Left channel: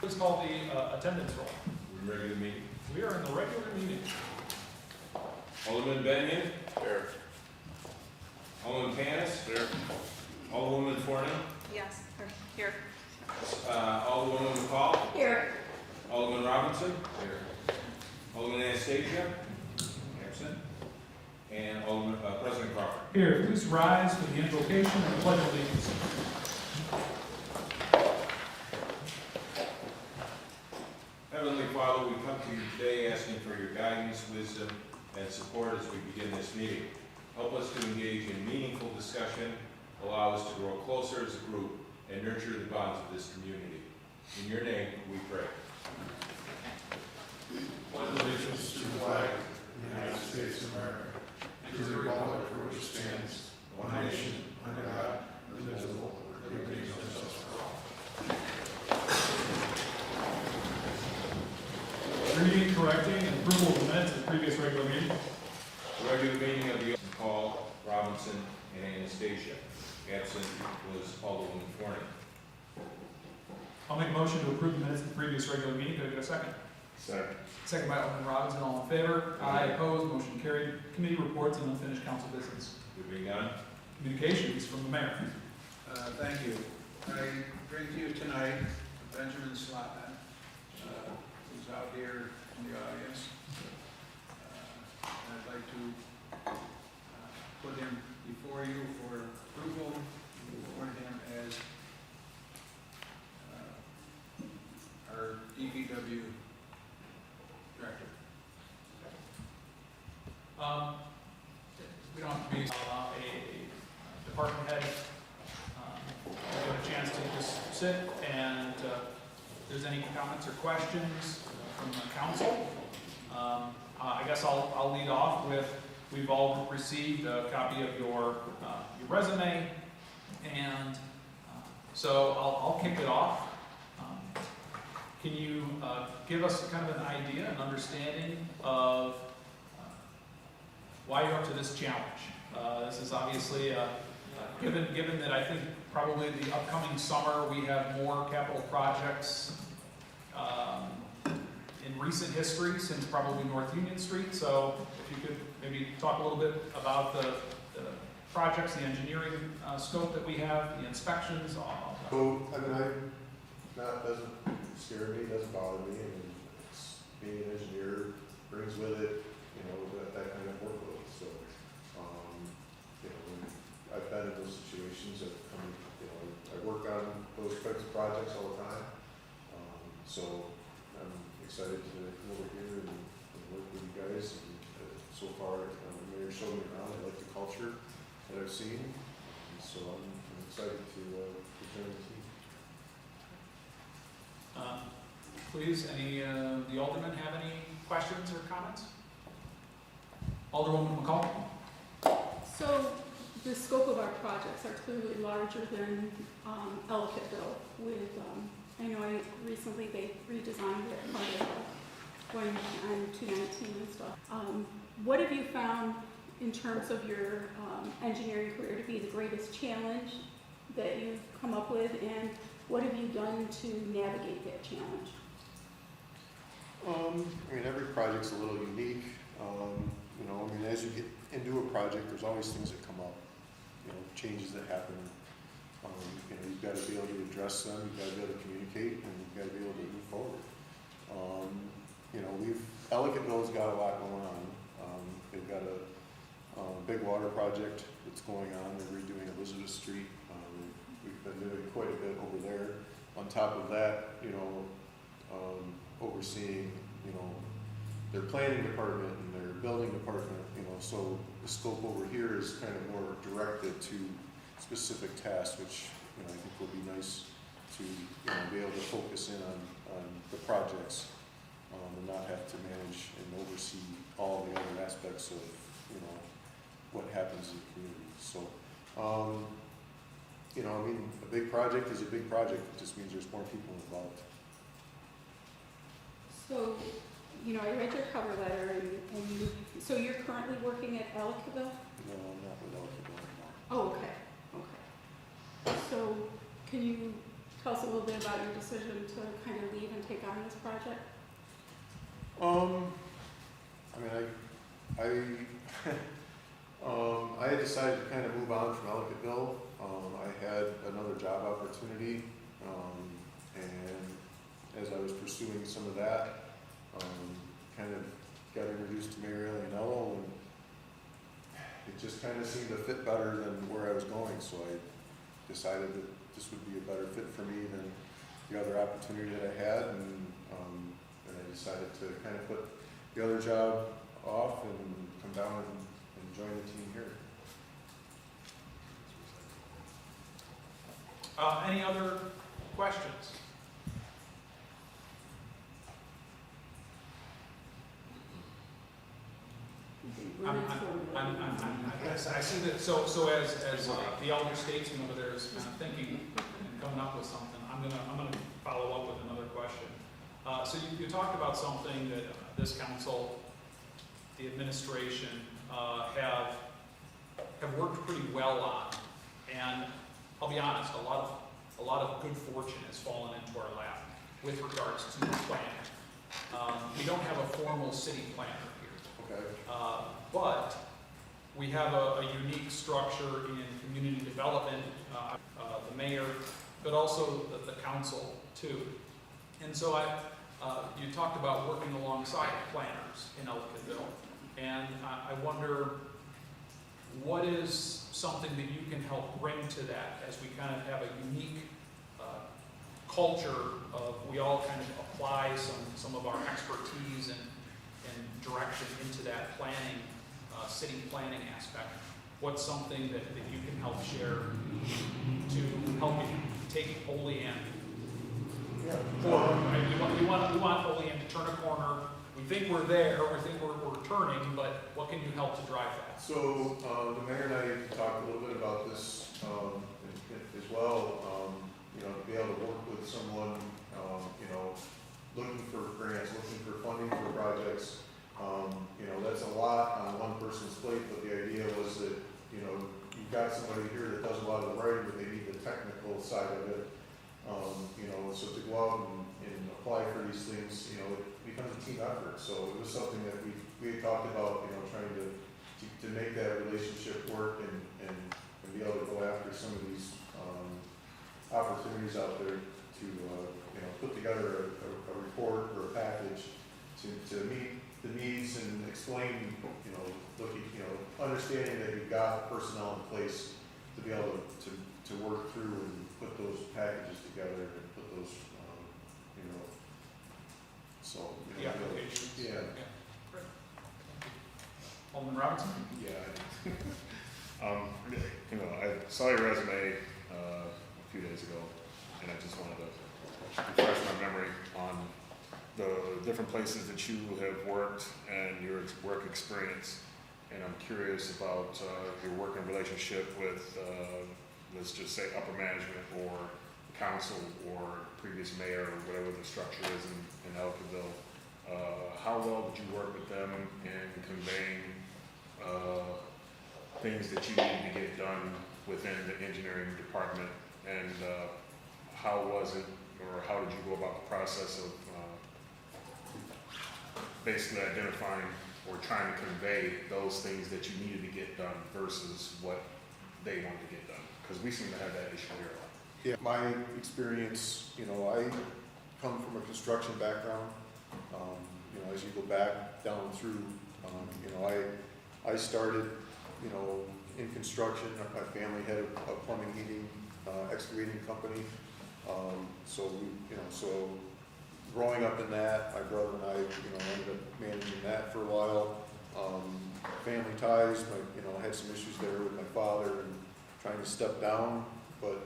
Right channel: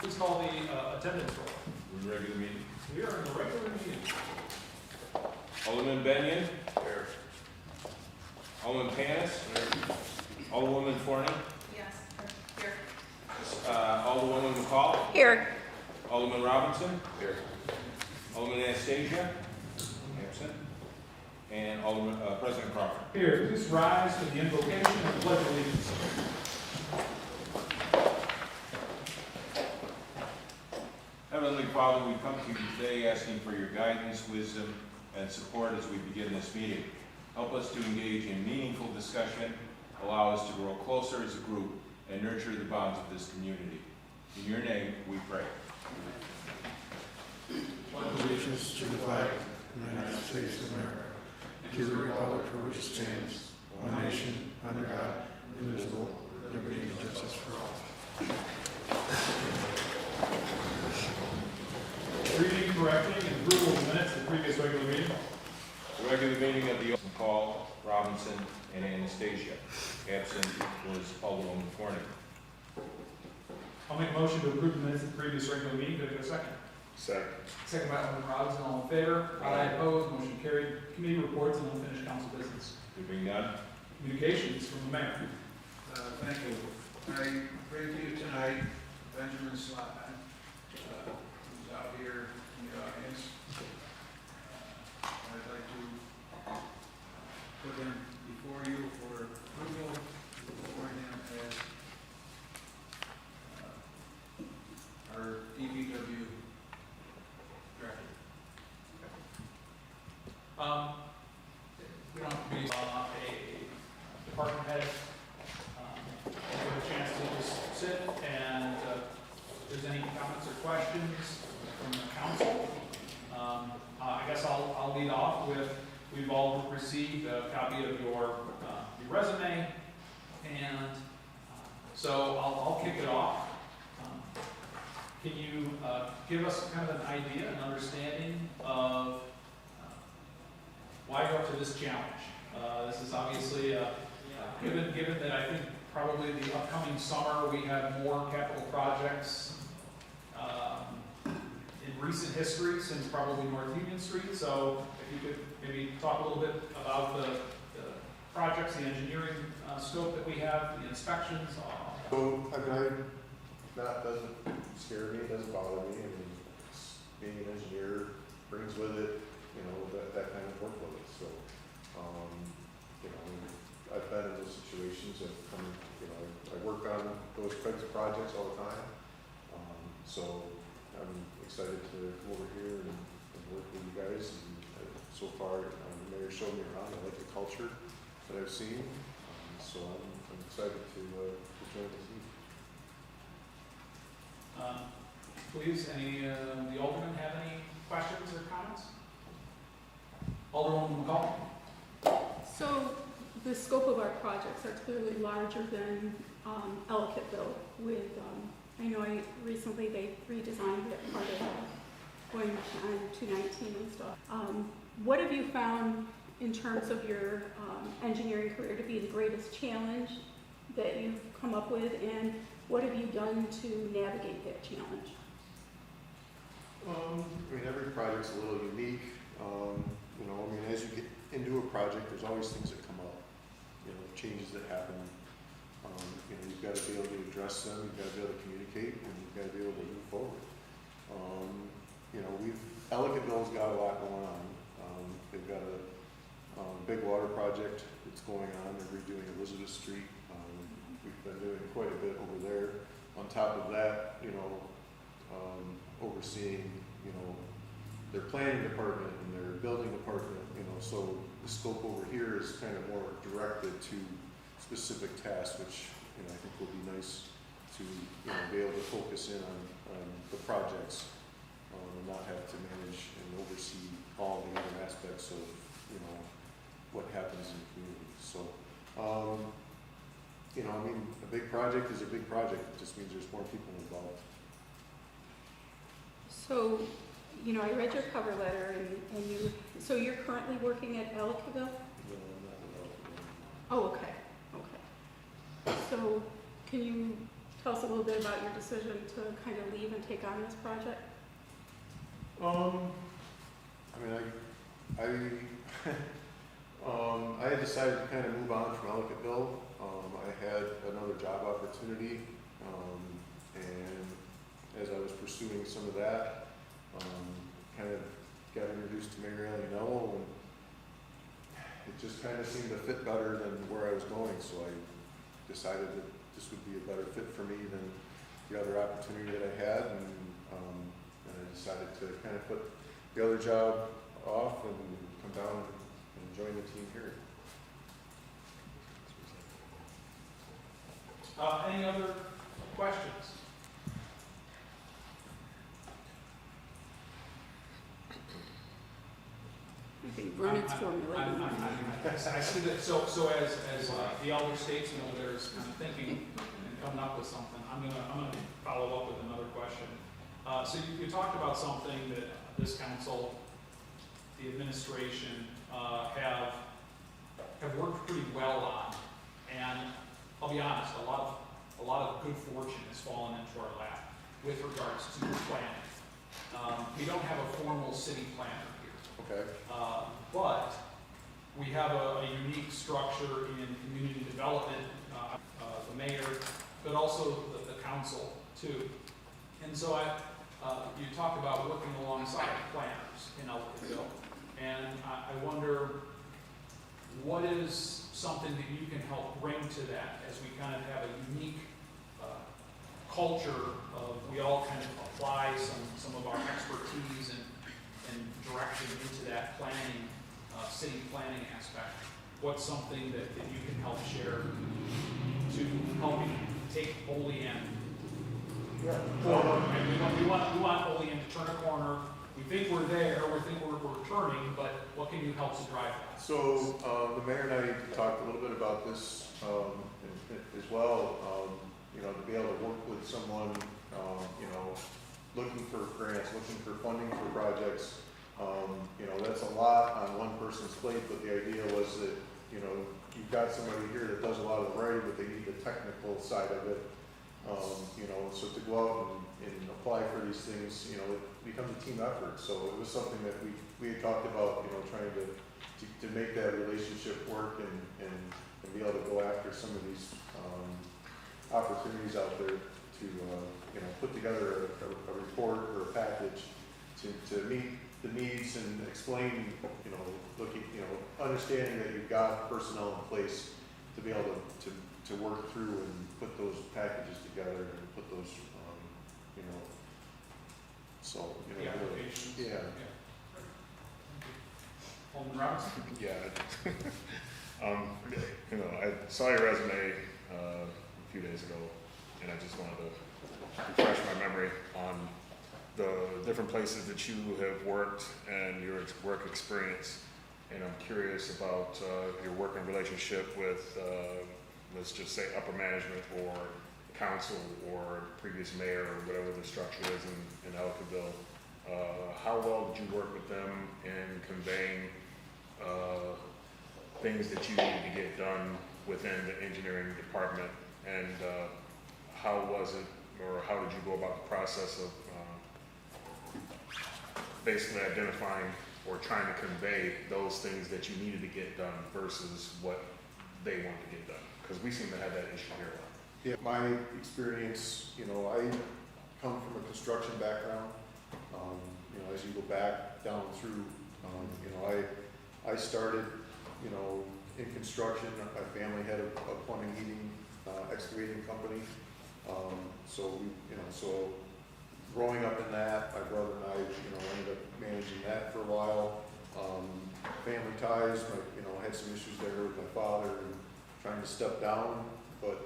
Please call the attendance roll. We're in regular meeting. We are in the regular meeting. Alderman Benyon. Here. Alderman Panis. Here. Alderwoman Forney. Yes, here. Alderwoman McCall. Here. Alderman Robinson. Here. Alderman Anastasia. Absent. And Alderman President Crawford. Here, please rise for the invocation and pledge of allegiance. Heavenly Father, we come to you today asking for your guidance, wisdom, and support as we begin this meeting. Help us to engage in meaningful discussion, allow us to grow closer as a group, and nurture the bonds of this community. In your name, we pray. Pledge allegiance to the flag of the United States of America, and to the republic for which stands one nation, under God, indivisible, with liberty and justice for all. Reading, correcting, and approval of the minutes of the previous regular meeting. The regular meeting of the McCall, Robinson, and Anastasia. Absent was Alderwoman Forney. I'll make a motion to approve the minutes of the previous regular meeting. Could I get a second? Second. Second by Alderman Robinson. All in favor? Aye. Opposed? Motion carried. Committee reports and unfinished council business. There being none. Communications from the mayor. Thank you. I bring to you tonight Benjamin Slotman, who's out here in the audience. I'd like to put him before you for approval, to appoint him as our DPW director. We don't have to be a department head. Give a chance to just sit and if there's any comments or questions from the council. I guess I'll lead off with, we've all received a copy of your resume, and so I'll kick it off. Can you give us kind of an idea, an understanding of why you're up to this challenge? This is obviously, given that I think probably the upcoming summer we have more capital projects in recent history since probably North Union Street. So if you could maybe talk a little bit about the projects, the engineering scope that we have, the inspections. Well, I mean, that doesn't scare me, doesn't bother me. I mean, being an engineer brings with it, that kind of workload. So, I've been in those situations. I work on those types of projects all the time. So I'm excited to come over here and work with you guys. And so far, the mayor showed me around. I like the culture that I've seen. So I'm excited to join the team. Please, the aldermen have any questions or comments? Alderwoman McCall. So the scope of our projects are clearly larger than Ellicottville with, I know recently they redesigned it part of going on 219 and stuff. What have you found in terms of your engineering career to be the greatest challenge that you've come up with, and what have you done to navigate that challenge? Every project's a little unique. As you get into a project, there's always things that come up. Changes that happen. You've got to be able to address them. You've got to be able to communicate, and you've got to be able to move forward. Ellicottville's got a lot going on. They've got a big water project that's going on. They're redoing Elizabeth Street. We've been doing quite a bit over there. On top of that, overseeing, their planning department and their building department, so the scope over here is kind of more directed to specific tasks, which, I think will be nice to, be able to focus in on the projects, and not have to manage and oversee all the other aspects of, what happens in the community. So, a big project is a big project. It just means there's more people involved. So, I read your cover letter, and so you're currently working at Ellicottville? No, I'm not with Ellicottville anymore. Oh, okay. So can you tell us a little bit about your decision to kind of leave and take on this project? I mean, I had decided to kind of move on from Ellicottville. I had another job opportunity, and as I was pursuing some of that, kind of got introduced to Mayor Olean, and it just kind of seemed to fit better than where I was going, so I decided that this would be a better fit for me than the other opportunity that I had, and I decided to kind of put the other job off and come down and join the team here. Any other questions? I think Brennan's I see that, so as the elder statesman over there is kind of thinking and coming up with something, I'm gonna follow up with another question. So you talked about something that this council, the administration, have worked pretty well on, and I'll be honest, a lot of good fortune has fallen into our lap with regards to planning. We don't have a formal city planner here. Okay. But we have a unique structure in community development, the mayor, but also the council too. And so you talked about working alongside planners in Ellicottville, and I wonder what is something that you can help bring to that as we kind of have a unique culture of we all kind of apply some of our expertise and direction into that planning, city planning aspect. What's something that you can help share to help take Olean forward? Right? We want Olean to turn a corner. We think we're there, we think we're turning, but what can you help to drive that? So the mayor and I talked a little bit about this as well. To be able to work with someone, looking for grants, looking for funding for projects. That's a lot on one person's plate, but the idea was that, you've got somebody here that does a lot of the writing, but they need the technical side of it. So to go out and apply for these things, it becomes a team effort. So it was something that we had talked about, trying to make that relationship work and be able to go after some of these opportunities out there to, put together a report or a package to meet the needs and explain, understanding that you've got personnel in place to be able to work through and put those packages together and put those, The applications. Yeah. Great. Thank you. Alderman Robinson? Yeah. I saw your resume a few days ago, and I just wanted to refresh my memory on the different places that you have worked and your work experience. And I'm curious about your working relationship with, let's just say, upper management or the council or previous mayor or whatever the structure is in Ellicottville. How well did you work with them in conveying things that you needed to get done within the engineering department? And how was it, or how did you go about the process of basically identifying or trying to convey those things that you needed to get done versus what they wanted to get done? Because we seem to have that issue here a lot. Yeah, my experience, I come from a construction background. As you go back down through, I started, in construction. My family had a plumbing, heating, excavating company. So growing up in that, my brother and I, ended up managing that for a while. Family ties, I had some issues there with my father and trying to step down, but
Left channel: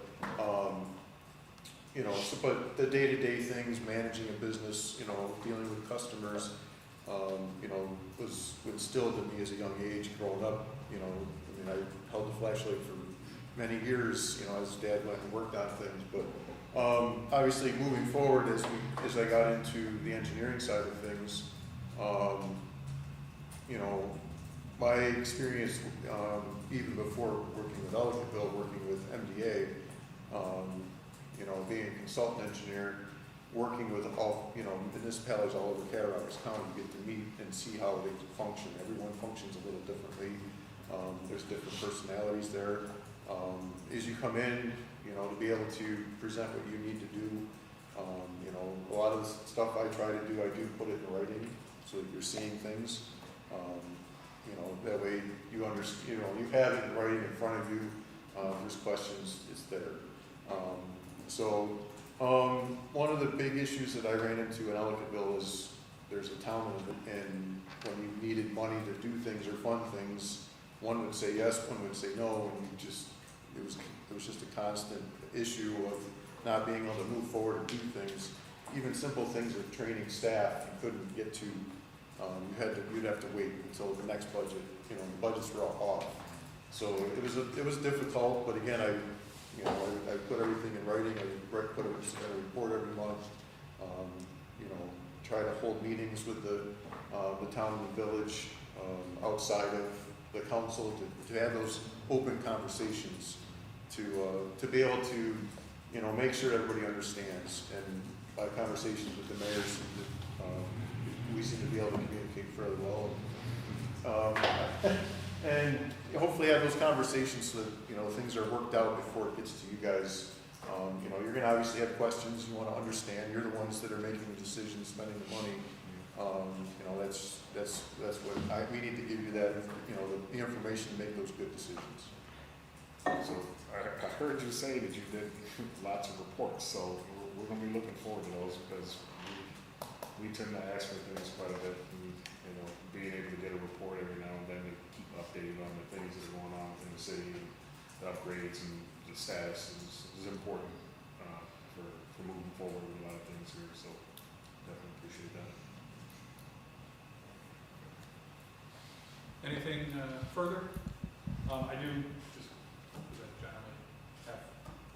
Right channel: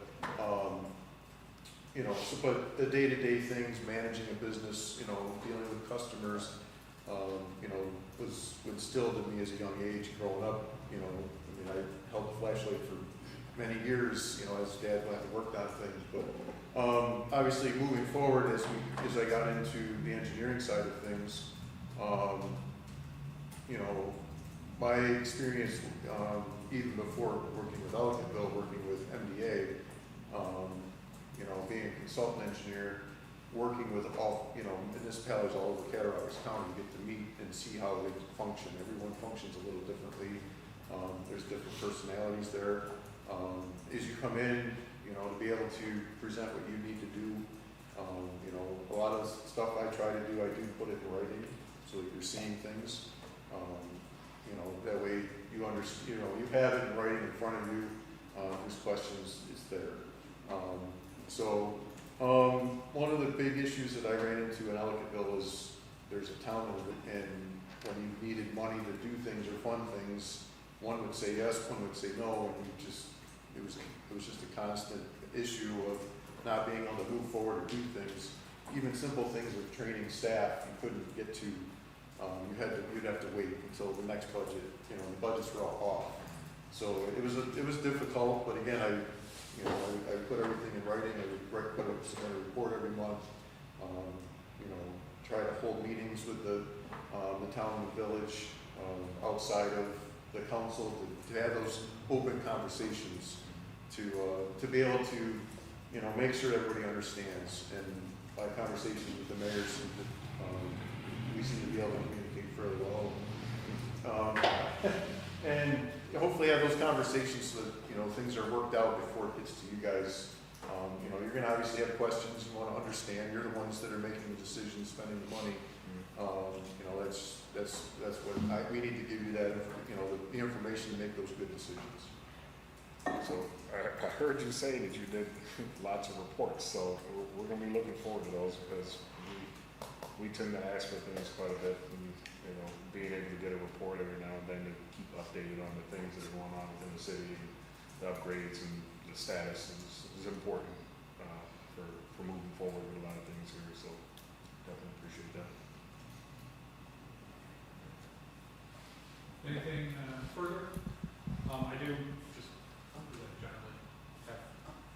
but the day-to-day things, managing a business, dealing with customers, was instilled in me as a young age growing up. I held the flashlight for many years, as Dad went and worked on things, but obviously moving forward as I got into the engineering side of things, my experience, even before working with Ellicottville, working with MDA, you know, being a consultant engineer, working with all, you know, municipalities all over Cattaraugus County, you get to meet and see how they function. Everyone functions a little differently. There's different personalities there. As you come in, you know, to be able to present what you need to do, you know, a lot of the stuff I try to do, I do put it in writing so that you're seeing things. You know, that way you understand, you know, you have it in writing in front of you. If there's questions, it's there. One of the big issues that I ran into in Ellicottville is there's a town and when you needed money to do things or fund things, one would say yes, one would say no, and it was just a constant issue of not being able to move forward and do things. Even simple things of training staff, you couldn't get to. You'd have to wait until the next budget. You know, the budgets were all off. So it was difficult, but again, I put everything in writing. I would submit a report every month. You know, try to hold meetings with the town and the village outside of the council to have those open conversations to be able to, you know, make sure everybody understands. And by conversations with the mayor, we seem to be able to communicate fairly well. And hopefully have those conversations so that, you know, things are worked out before it gets to you guys. You know, you're gonna obviously have questions you wanna understand. You're the ones that are making the decisions, spending the money. You know, that's what we need to give you that, you know, the information to make those good decisions. So I heard you say that you did lots of reports, so we're gonna be looking forward to those because we tend to ask for things quite a bit, and, you know, being able to get a report every now and then to keep updated on the things that are going on within the city and the upgrades and the status is important for moving forward with a lot of things here, so definitely appreciate that. Anything further? I do, just because I generally have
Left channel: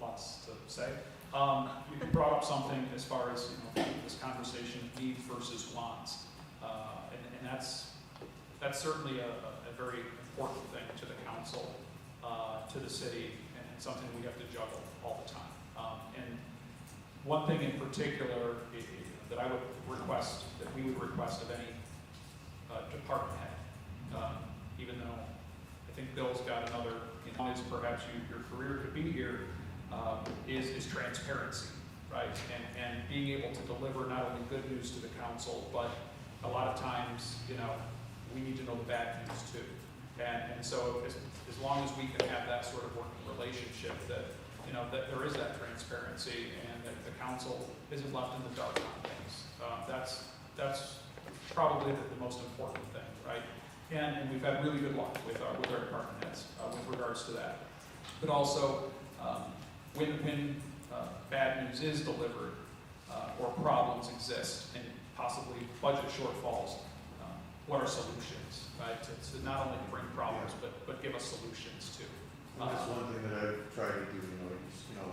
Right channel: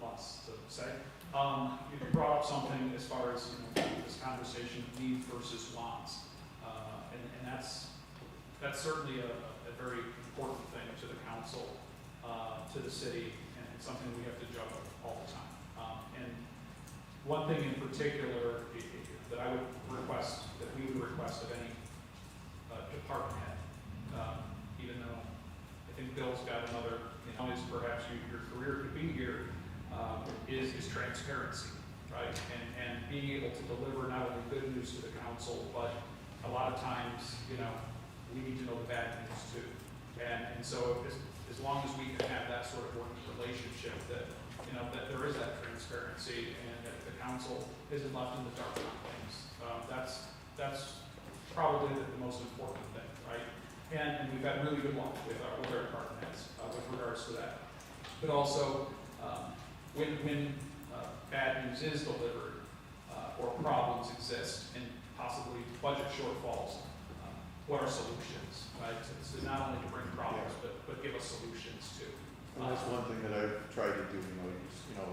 lots to say. You brought up something as far as, you know, this conversation, needs versus wants. And that's certainly a very important thing to the council, to the city, and something we have to juggle all the time. And one thing in particular that I would request, that we would request of any department head, even though I think Bill's got another, you know, is perhaps your career could be here, is transparency, right? And being able to deliver not only good news to the council, but a lot of times, you know, we need to know the bad news too. And so as long as we can have that sort of working relationship, that, you know, that there is that transparency and that the council isn't left in the dark on things. That's probably the most important thing, right? And we've had really good luck with our department heads with regards to that. But also, when bad news is delivered or problems exist and possibly budget shortfalls, what are solutions, right? To not only to bring problems, but give us solutions too. And that's one thing that I've tried to do, you know,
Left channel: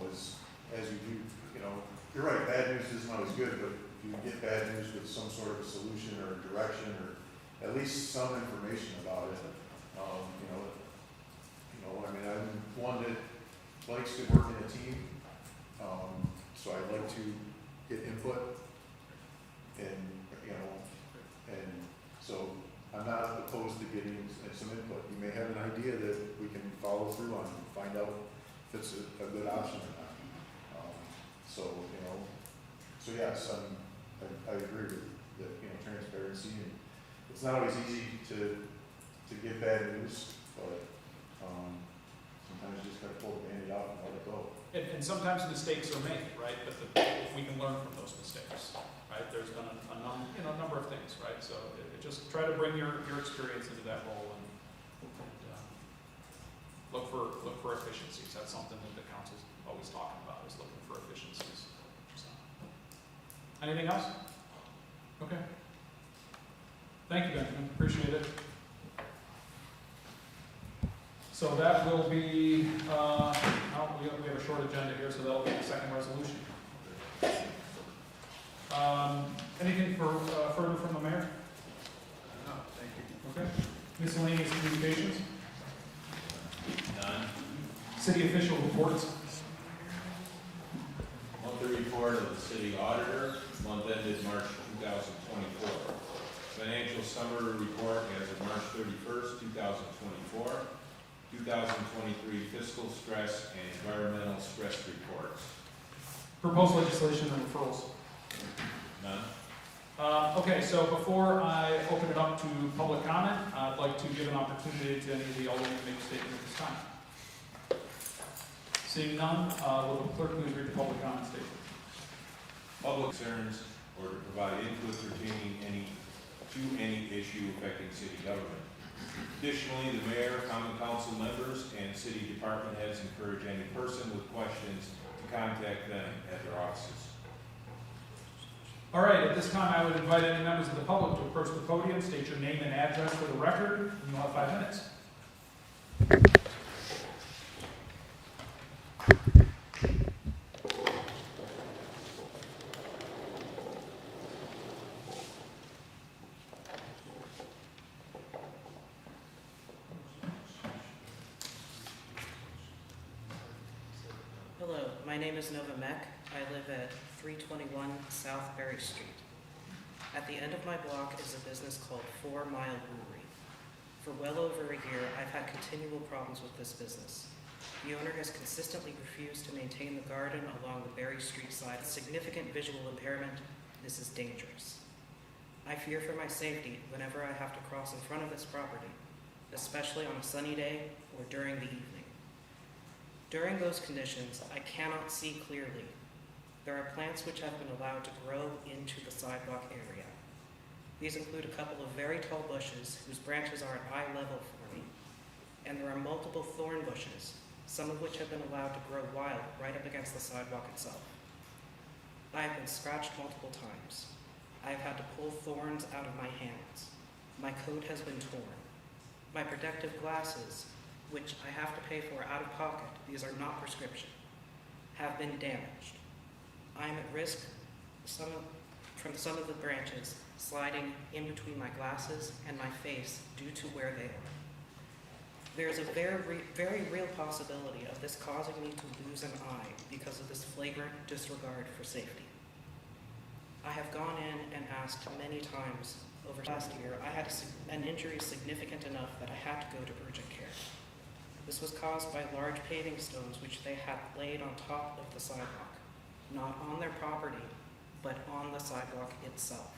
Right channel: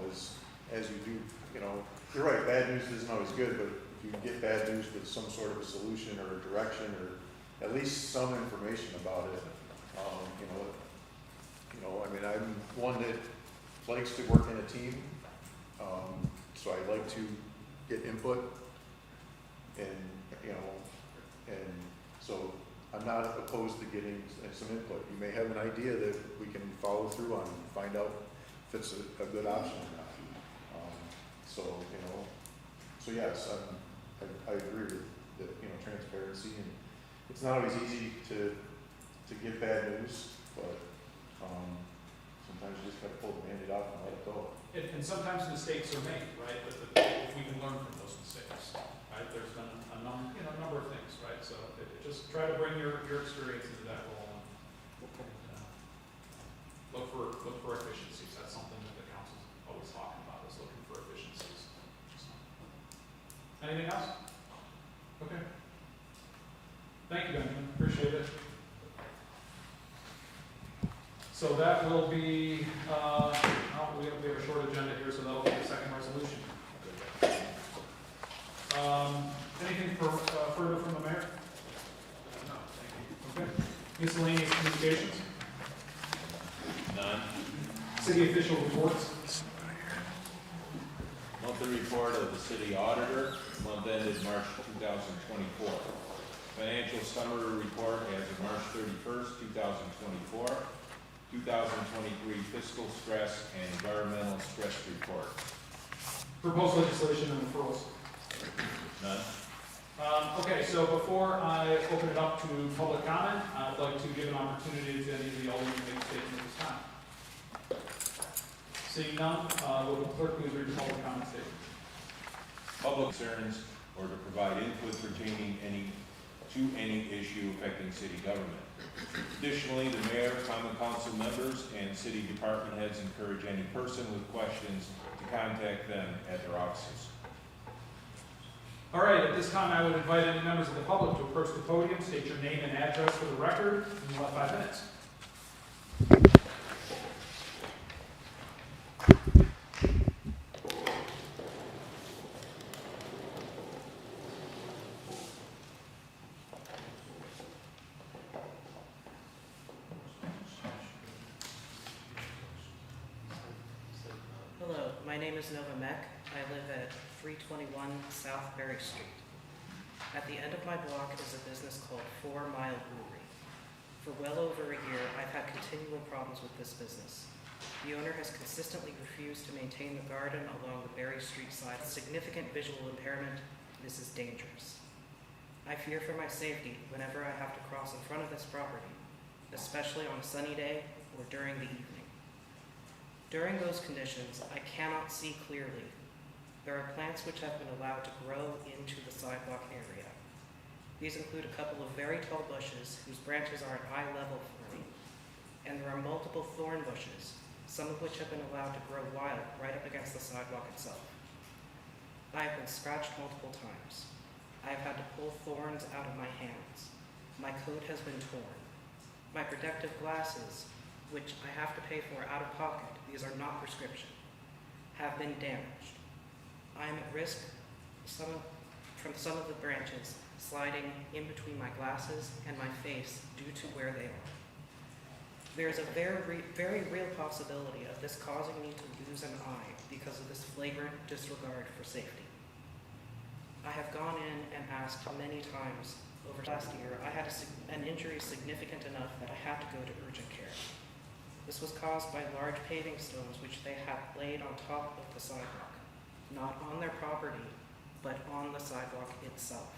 as you do, you know, you're right, bad news isn't always good, but if you get bad news with some sort of a solution or a direction or at least some information about it, I mean, I'm one that likes to work in a team, so I like to get input and, you know, and so I'm not opposed to getting some input. You may have an idea that we can follow through on and find out if it's a good option or not. So yes, I agree with the, you know, transparency, and it's not always easy to give bad news, but sometimes you just gotta pull the Band-Aid off and let it go. And sometimes mistakes are made, right? But if we can learn from those mistakes, right? There's been a number of things, right? So just try to bring your experience into that role and look for efficiencies. That's something that the council's always talking about, is looking for efficiencies. So, anything else? Okay. Thank you, Benjamin. Appreciate it. So that will be, we have a short agenda here, so that'll be the second resolution. Anything further from the mayor? No, thank you. Okay. Miscellaneous communications? None. City official reports? monthly report of the city auditor, month ended March 2024. Financial summary report as of March 31st, 2024. 2023 fiscal stress and environmental stress reports. Proposed legislation and referrals. None? Okay, so before I open it up to public comment, I'd like to give an opportunity to any of the Aldermen to make a statement at this time. Seeing none, will the clerk please read the public comment statement? Public concerns or to provide input pertaining to any issue affecting city government. Additionally, the mayor, common council members, and city department heads encourage any person with questions to contact them at their offices. All right, at this time, I would invite any members of the public to approach the podium, state your name and address for the record, and you'll have 5 minutes. Hello, my name is Nova Mek. I live at 321 South Berry Street. At the end of my block is a business called 4 Mile Brewery. For well over a year, I've had continual problems with this business. The owner has consistently refused to maintain the garden along the Berry Street side. Significant visual impairment. This is dangerous. I fear for my safety whenever I have to cross in front of this property, especially on a sunny day or during the evening. During those conditions, I cannot see clearly. There are plants which have been allowed to grow into the sidewalk area. These include a couple of very tall bushes whose branches are at eye level for me, and there are multiple thorn bushes, some of which have been allowed to grow wild right up against the sidewalk itself. I have been scratched multiple times. I have had to pull thorns out of my hands. My coat has been torn. My protective glasses, which I have to pay for out of pocket, these are not prescription, have been damaged. I am at risk from some of the branches sliding in between my glasses and my face due to where they are. There is a very real possibility of this causing me to lose an eye because of this flagrant disregard for safety. I have gone in and asked many times over last year. I had an injury significant enough that I had to go to urgent care. This was caused by large paving stones which they had laid on top of the sidewalk, not on their property, but on the sidewalk itself.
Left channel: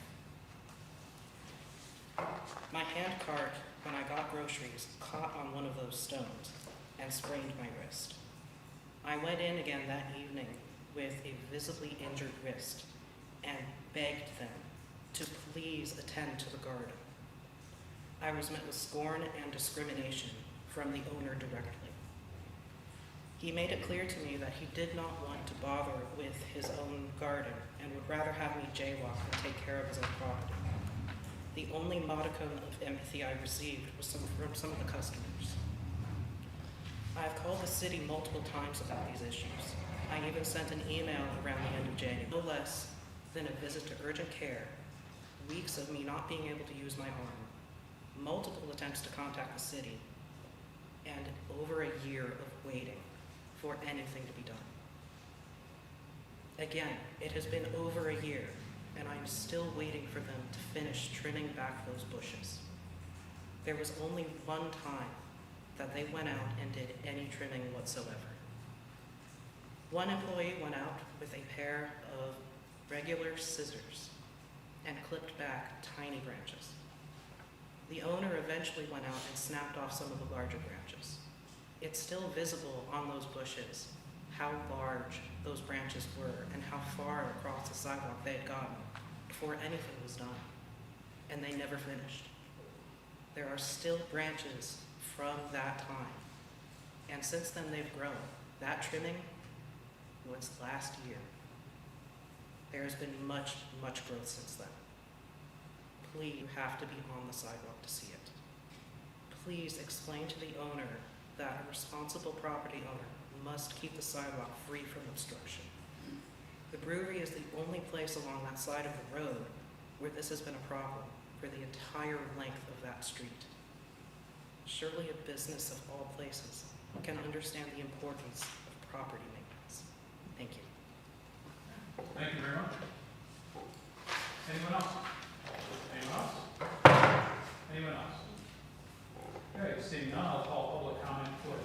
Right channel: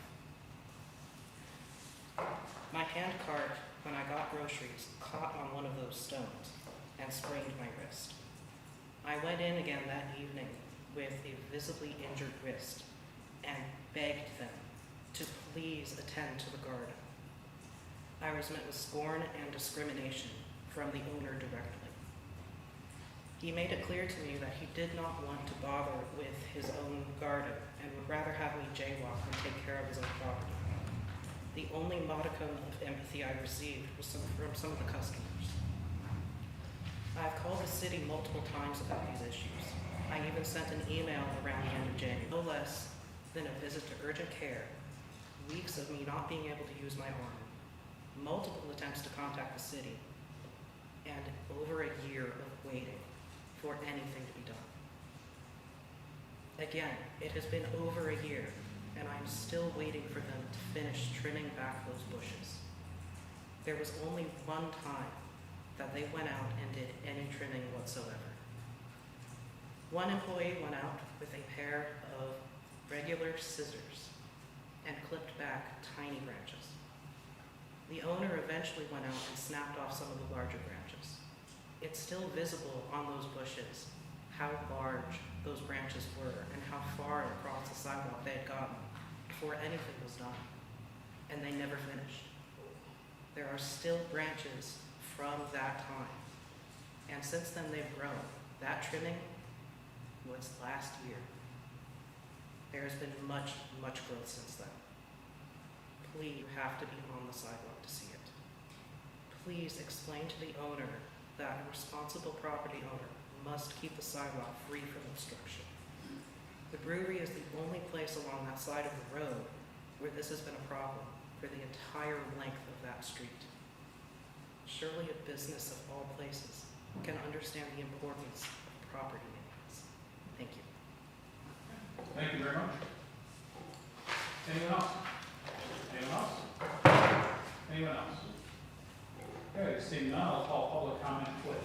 My hand cart, when I got groceries, caught on one of those stones and sprained my wrist. I went in again that evening with a visibly injured wrist and begged them to please attend to the garden. I was met with scorn and discrimination from the owner directly. He made it clear to me that he did not want to bother with his own garden and would rather have me jaywalk than take care of his own property. The only modicum of empathy I received was from some of the customers. I have called the city multiple times about these issues. I even sent an email around the end of January. No less than a visit to urgent care, weeks of me not being able to use my arm, multiple attempts to contact the city, and over a year of waiting for anything to be done. Again, it has been over a year, and I'm still waiting for them to finish trimming back those bushes. There was only one time that they went out and did any trimming whatsoever. One employee went out with a pair of regular scissors and clipped back tiny branches. The owner eventually went out and snapped off some of the larger branches. It's still visible on those bushes how large those branches were and how far across the sidewalk they had gotten before anything was done, and they never finished. There are still branches from that time, and since then they've grown. That trimming was last year. There has been much, much growth since then. Please, you have to be on the sidewalk to see it. Please explain to the owner that a responsible property owner must keep the sidewalk free from obstruction. The brewery is the only place along that side of the road where this has been a problem for the entire length of that street. Surely a business of all places can understand the importance of property maintenance. Thank you. Thank you very much. Anyone else? Anyone else? Anyone else? Okay, seeing none, I'll call public comment, please.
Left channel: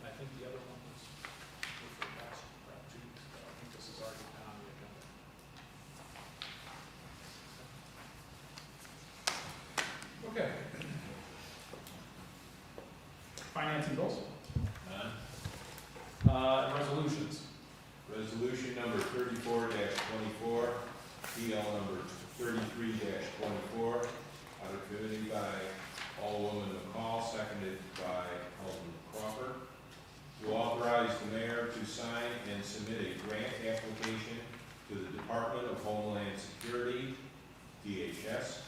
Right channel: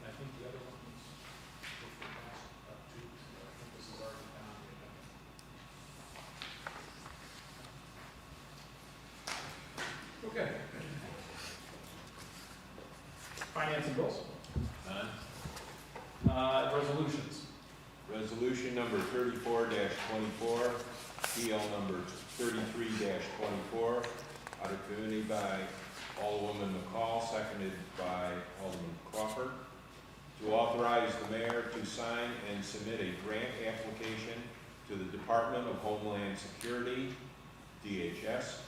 And I think the other one was for the last 2 weeks ago. I think this has already been on the agenda. Okay. Finance and bills. None. Resolutions. Resolution number 34-24, PL number 33-24, out of committee by Alderwoman McCall, seconded by Alderman Crawford, to authorize the mayor to sign and submit a grant application to the Department of Homeland Security, DHS,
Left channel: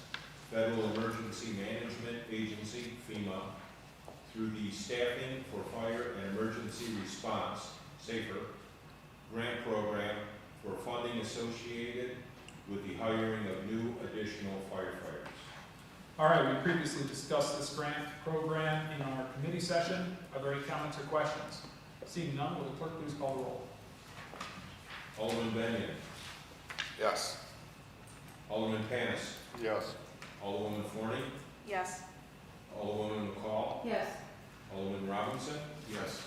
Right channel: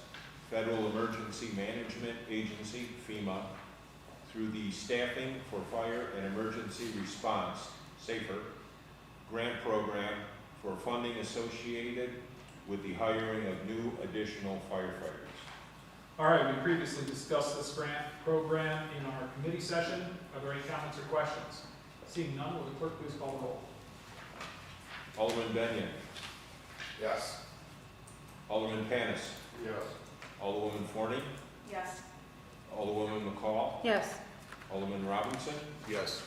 Federal Emergency Management Agency, FEMA, through the Staffing for Fire and Emergency Response, SAFER, grant program for funding associated with the hiring of new additional firefighters. All right, we previously discussed this grant program in our committee session. Are there any comments or questions? Seeing none, will the clerk please call the roll? Alderman Benyon. Yes. Alderman Panis. Yes. Alderwoman Forney. Yes. Alderwoman McCall. Yes. Alderman Robinson. Yes.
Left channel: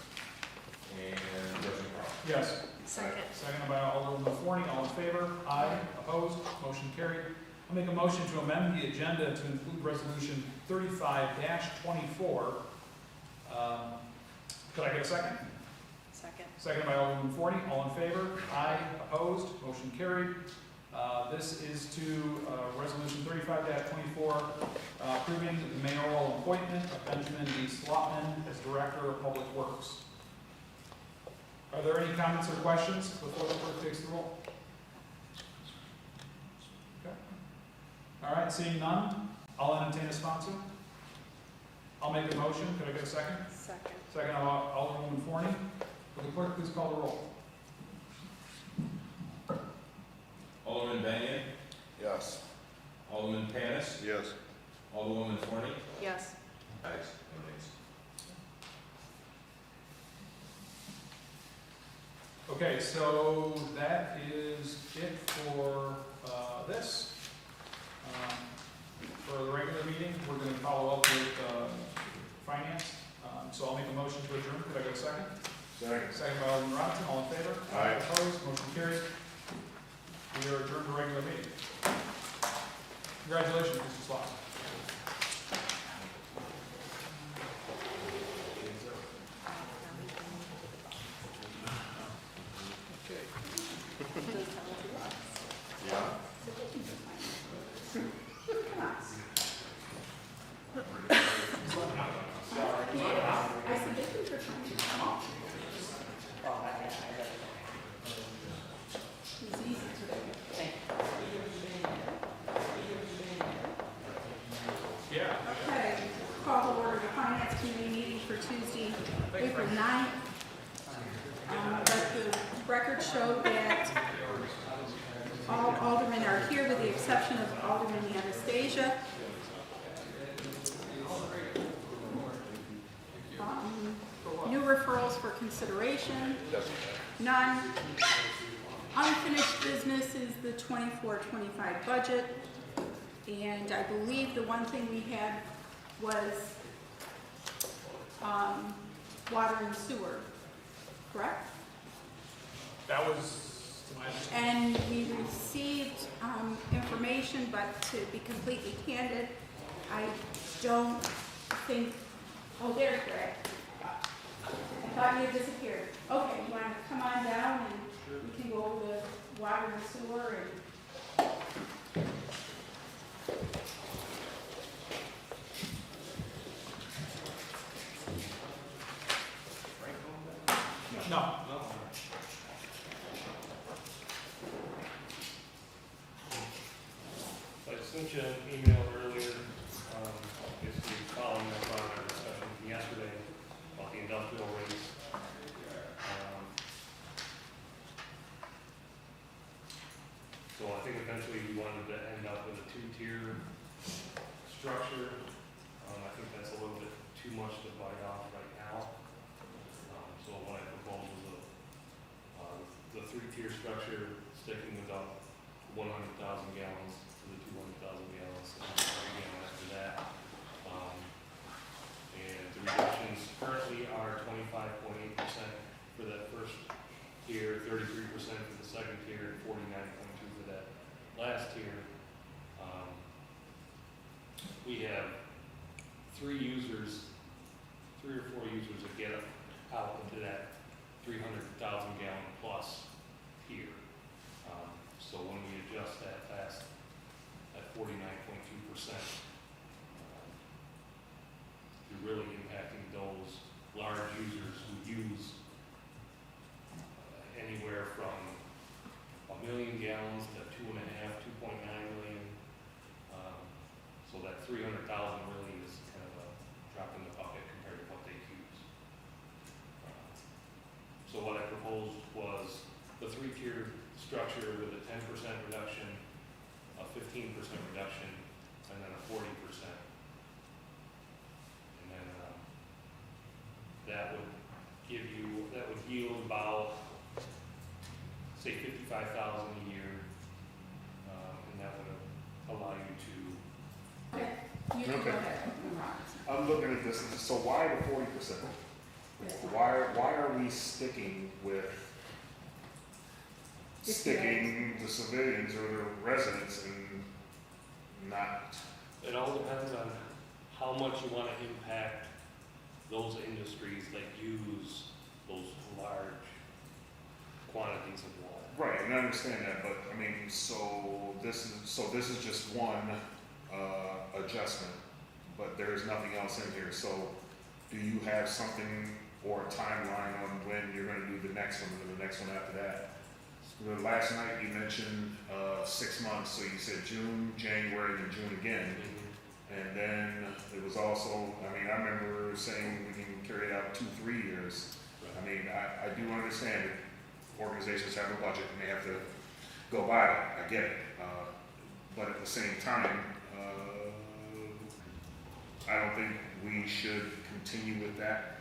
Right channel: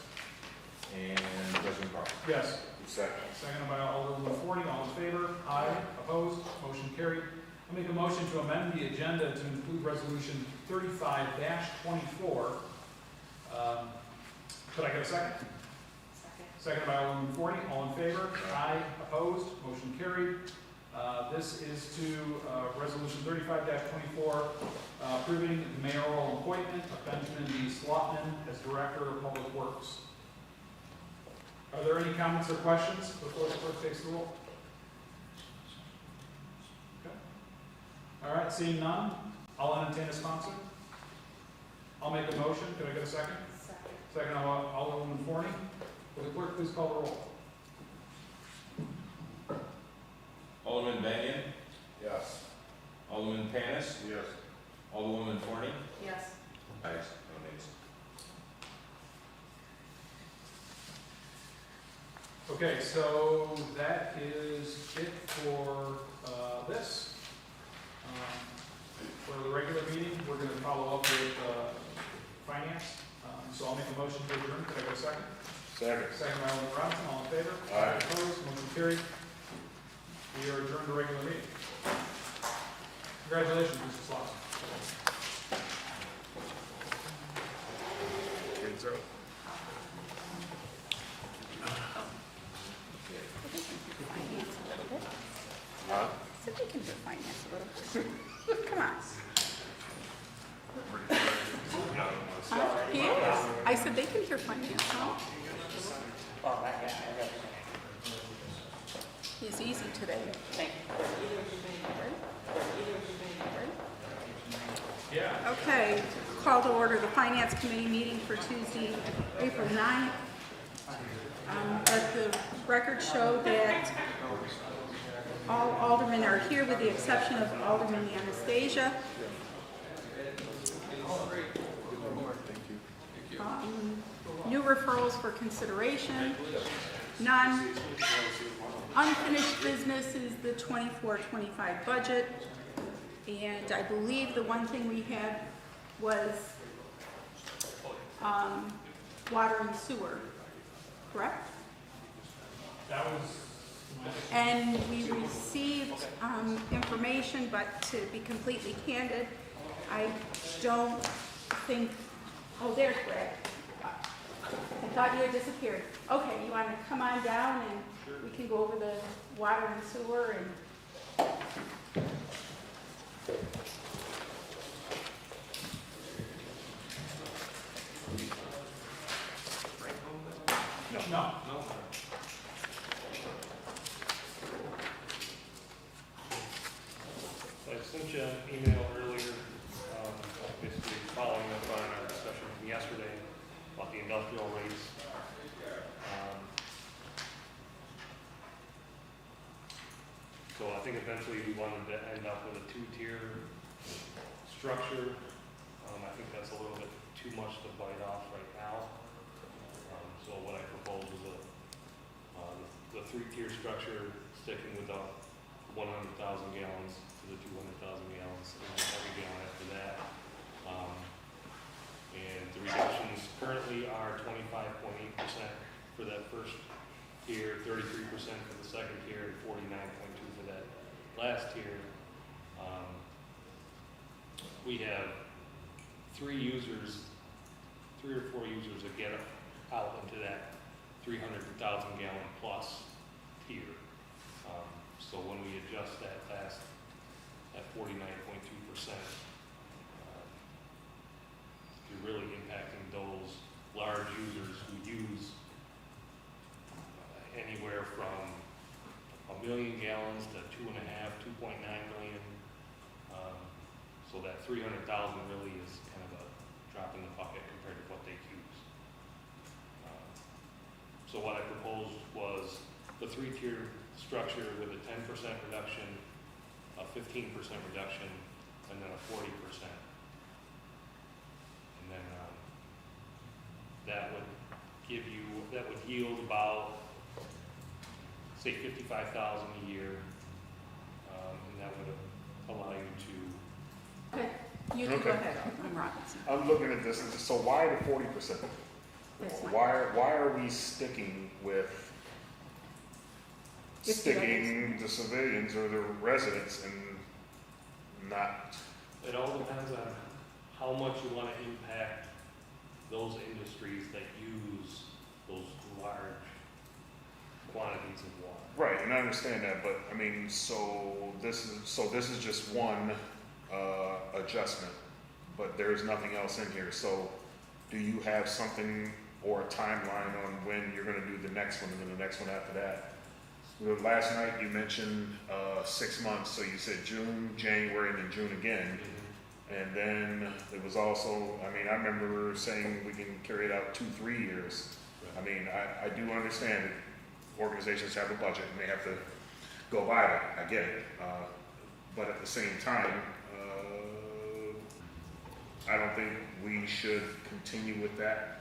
And President Crawford. Yes. Second. Seconded by Alderwoman Forney. All in favor? Aye. Opposed? Motion carried. I'll make a motion to amend the agenda to include resolution 35-24. Could I get a second? Second. Seconded by Alderwoman Forney. All in favor? Aye. Opposed? Motion carried. This is to resolution 35-24, approving the mayoral appointment of Benjamin D. Slotman as Director of Public Works. Are there any comments or questions before the clerk takes the roll? Okay. All right, seeing none, I'll entertain a sponsor. I'll make a motion. Could I get a second? Second. Second by Alderwoman Forney. Will the clerk please call the roll? Alderman Benyon. Yes. Alderman Panis. Yes. Alderwoman Forney. Yes. Ayes, no nays. Okay, so that is it for this. For the regular meeting, we're going to follow up with finance. So I'll make a motion to adjourn. Could I get a second? Second. Second by Alderman Robinson. All in favor? Aye. Opposed? Motion carried. We are adjourned to regular meeting. Congratulations, Mr. Slotman. Come on. Huh? Yes. I said they think you're funny. He's easy today. Yeah. Okay, call to order the Finance Committee meeting for Tuesday, April 9th. Let the record show that all aldermen are here with the exception of Alderman Anastasia. New referrals for consideration, none. Unfinished business is the 24-25 budget. And I believe the one thing we had was water and sewer, correct? That was my understanding. And we received information, but to be completely candid, I don't think, oh, there's Greg. I thought you had disappeared. Okay, you want to come on down and we can go over the water and sewer and No. I sent you an email earlier, basically following up on our discussion from yesterday about the industrial rates. So I think eventually we wanted to end up with a two-tier structure. I think that's a little bit too much to bite off right now. So what I proposed was the three-tier structure, sticking with the 100,000 gallons to the 200,000 gallons, and every gallon after that. And the reductions currently are 25.8% for that first tier, 33% for the second tier, and 49.2% for that last tier. We have three or four users that get out into that 300,000 gallon plus tier. So when we adjust that at 49.2%, you're really impacting those large users who use anywhere from 1 million gallons to 2.5, 2.9 million. So that 300,000 really is kind of a drop in the bucket compared to what they use. So what I proposed was the three-tier structure with a 10% reduction, a 15% reduction, and then a 40%. And then that would yield about, say, 55,000 a year, and that would allow you to. Okay, you can go Okay. ahead, Alderman Robinson. I'm looking at this, and so why the 40%? That's fine. Why are we sticking with If sticking the civilians or the residents and not? It all depends on how much you want to impact those industries that use those large quantities of water. Right, and I understand that, but I mean, so this is just one adjustment, but there's nothing else in here. So do you have something or a timeline on when you're going to do the next one and then the next one after that? Last night you mentioned 6 months, so you said June, January, and then June again. And then it was also, I mean, I remember saying we can carry it out 2-3 years. Right. I mean, I do understand that organizations have a budget and they have to go by that. I get it. But at the same time, I don't think we should continue with that.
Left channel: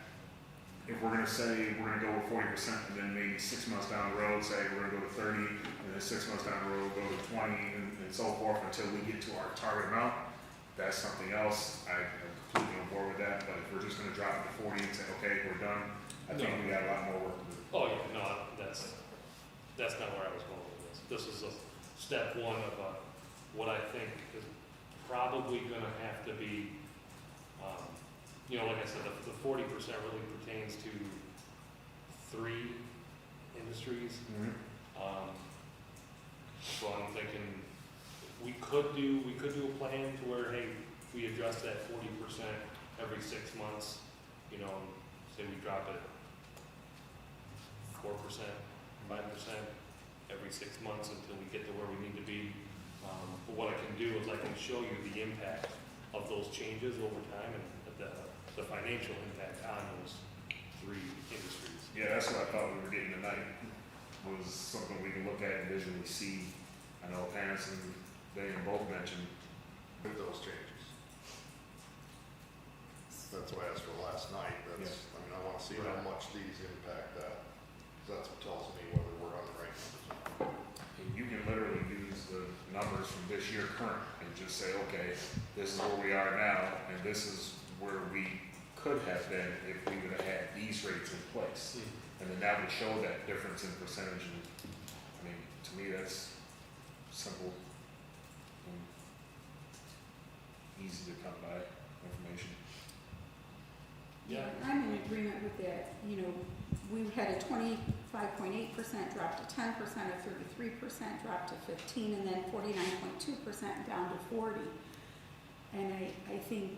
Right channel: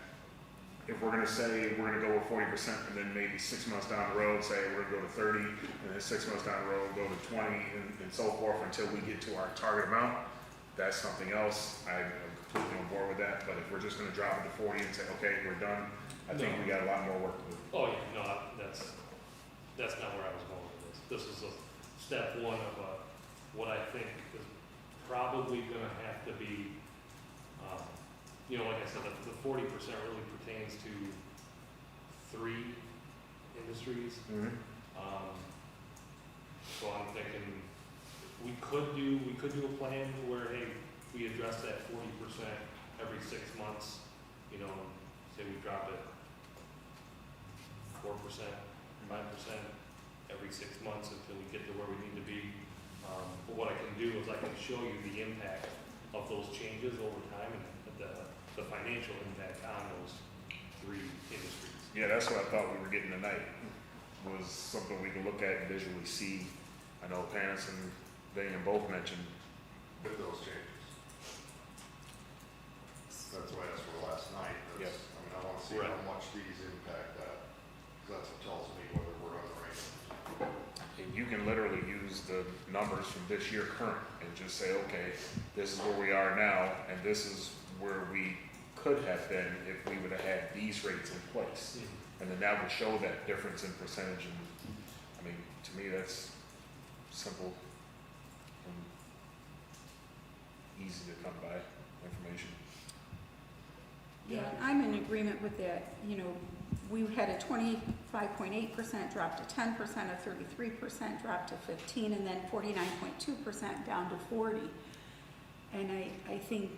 If we're gonna say we're gonna go with 40% and then maybe 6 months down the road say we're gonna go to 30, and then 6 months down the road go to 20 and so forth until we get to our target amount, that's something else. I'm completely on board with that. But if we're just gonna drop it to 40 and say, okay, we're done, I think we got a lot more work to do. Oh, yeah, no, that's not where I was going with this. This is a step one of what I think is probably gonna have to be, like I said, the 40% really pertains to 3 industries. So I'm thinking we could do a plan to where, hey, we address that 40% every 6 months, and say we drop it 4%, 5% every 6 months until we get to where we need to be. But what I can do is I can show you the impact of those changes over time and the financial impact on those 3 industries. Yeah, that's what I thought we were getting tonight, was something we can look at and visually see. I know Panis and Dan both mentioned. With those changes. That's what I asked for last night. That's, I mean, I wanna see how much these impact that. 'Cause that's what tells me whether we're on the right numbers. You can literally use the numbers from this year current and just say, okay, this is where we are now, and this is where we could have been if we would have had these rates in place. And then that would show that difference in percentage, and, I mean, to me, that's simple and easy to come by information. Yeah, I'm in agreement with that. We had a 25.8% drop to 10%, a 33% drop to 15%, and then 49.2% down to 40%. And I think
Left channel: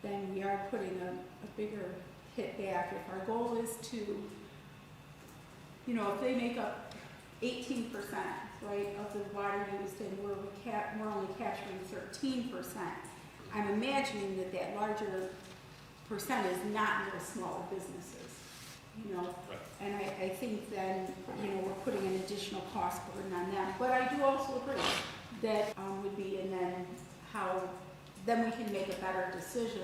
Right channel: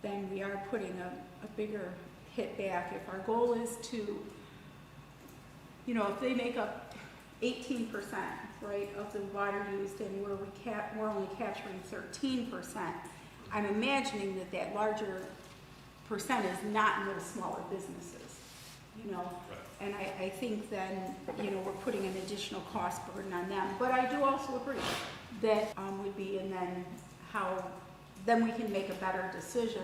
then we are putting a bigger hit back. If our goal is to, if they make up 18%, right, of the water used, and we're only capturing 13%, I'm imagining that larger percent is not in those smaller businesses. you know? Right. And I think then, you know, we're putting an additional cost burden on them. But I do also agree that would be, and then then we can make a better decision.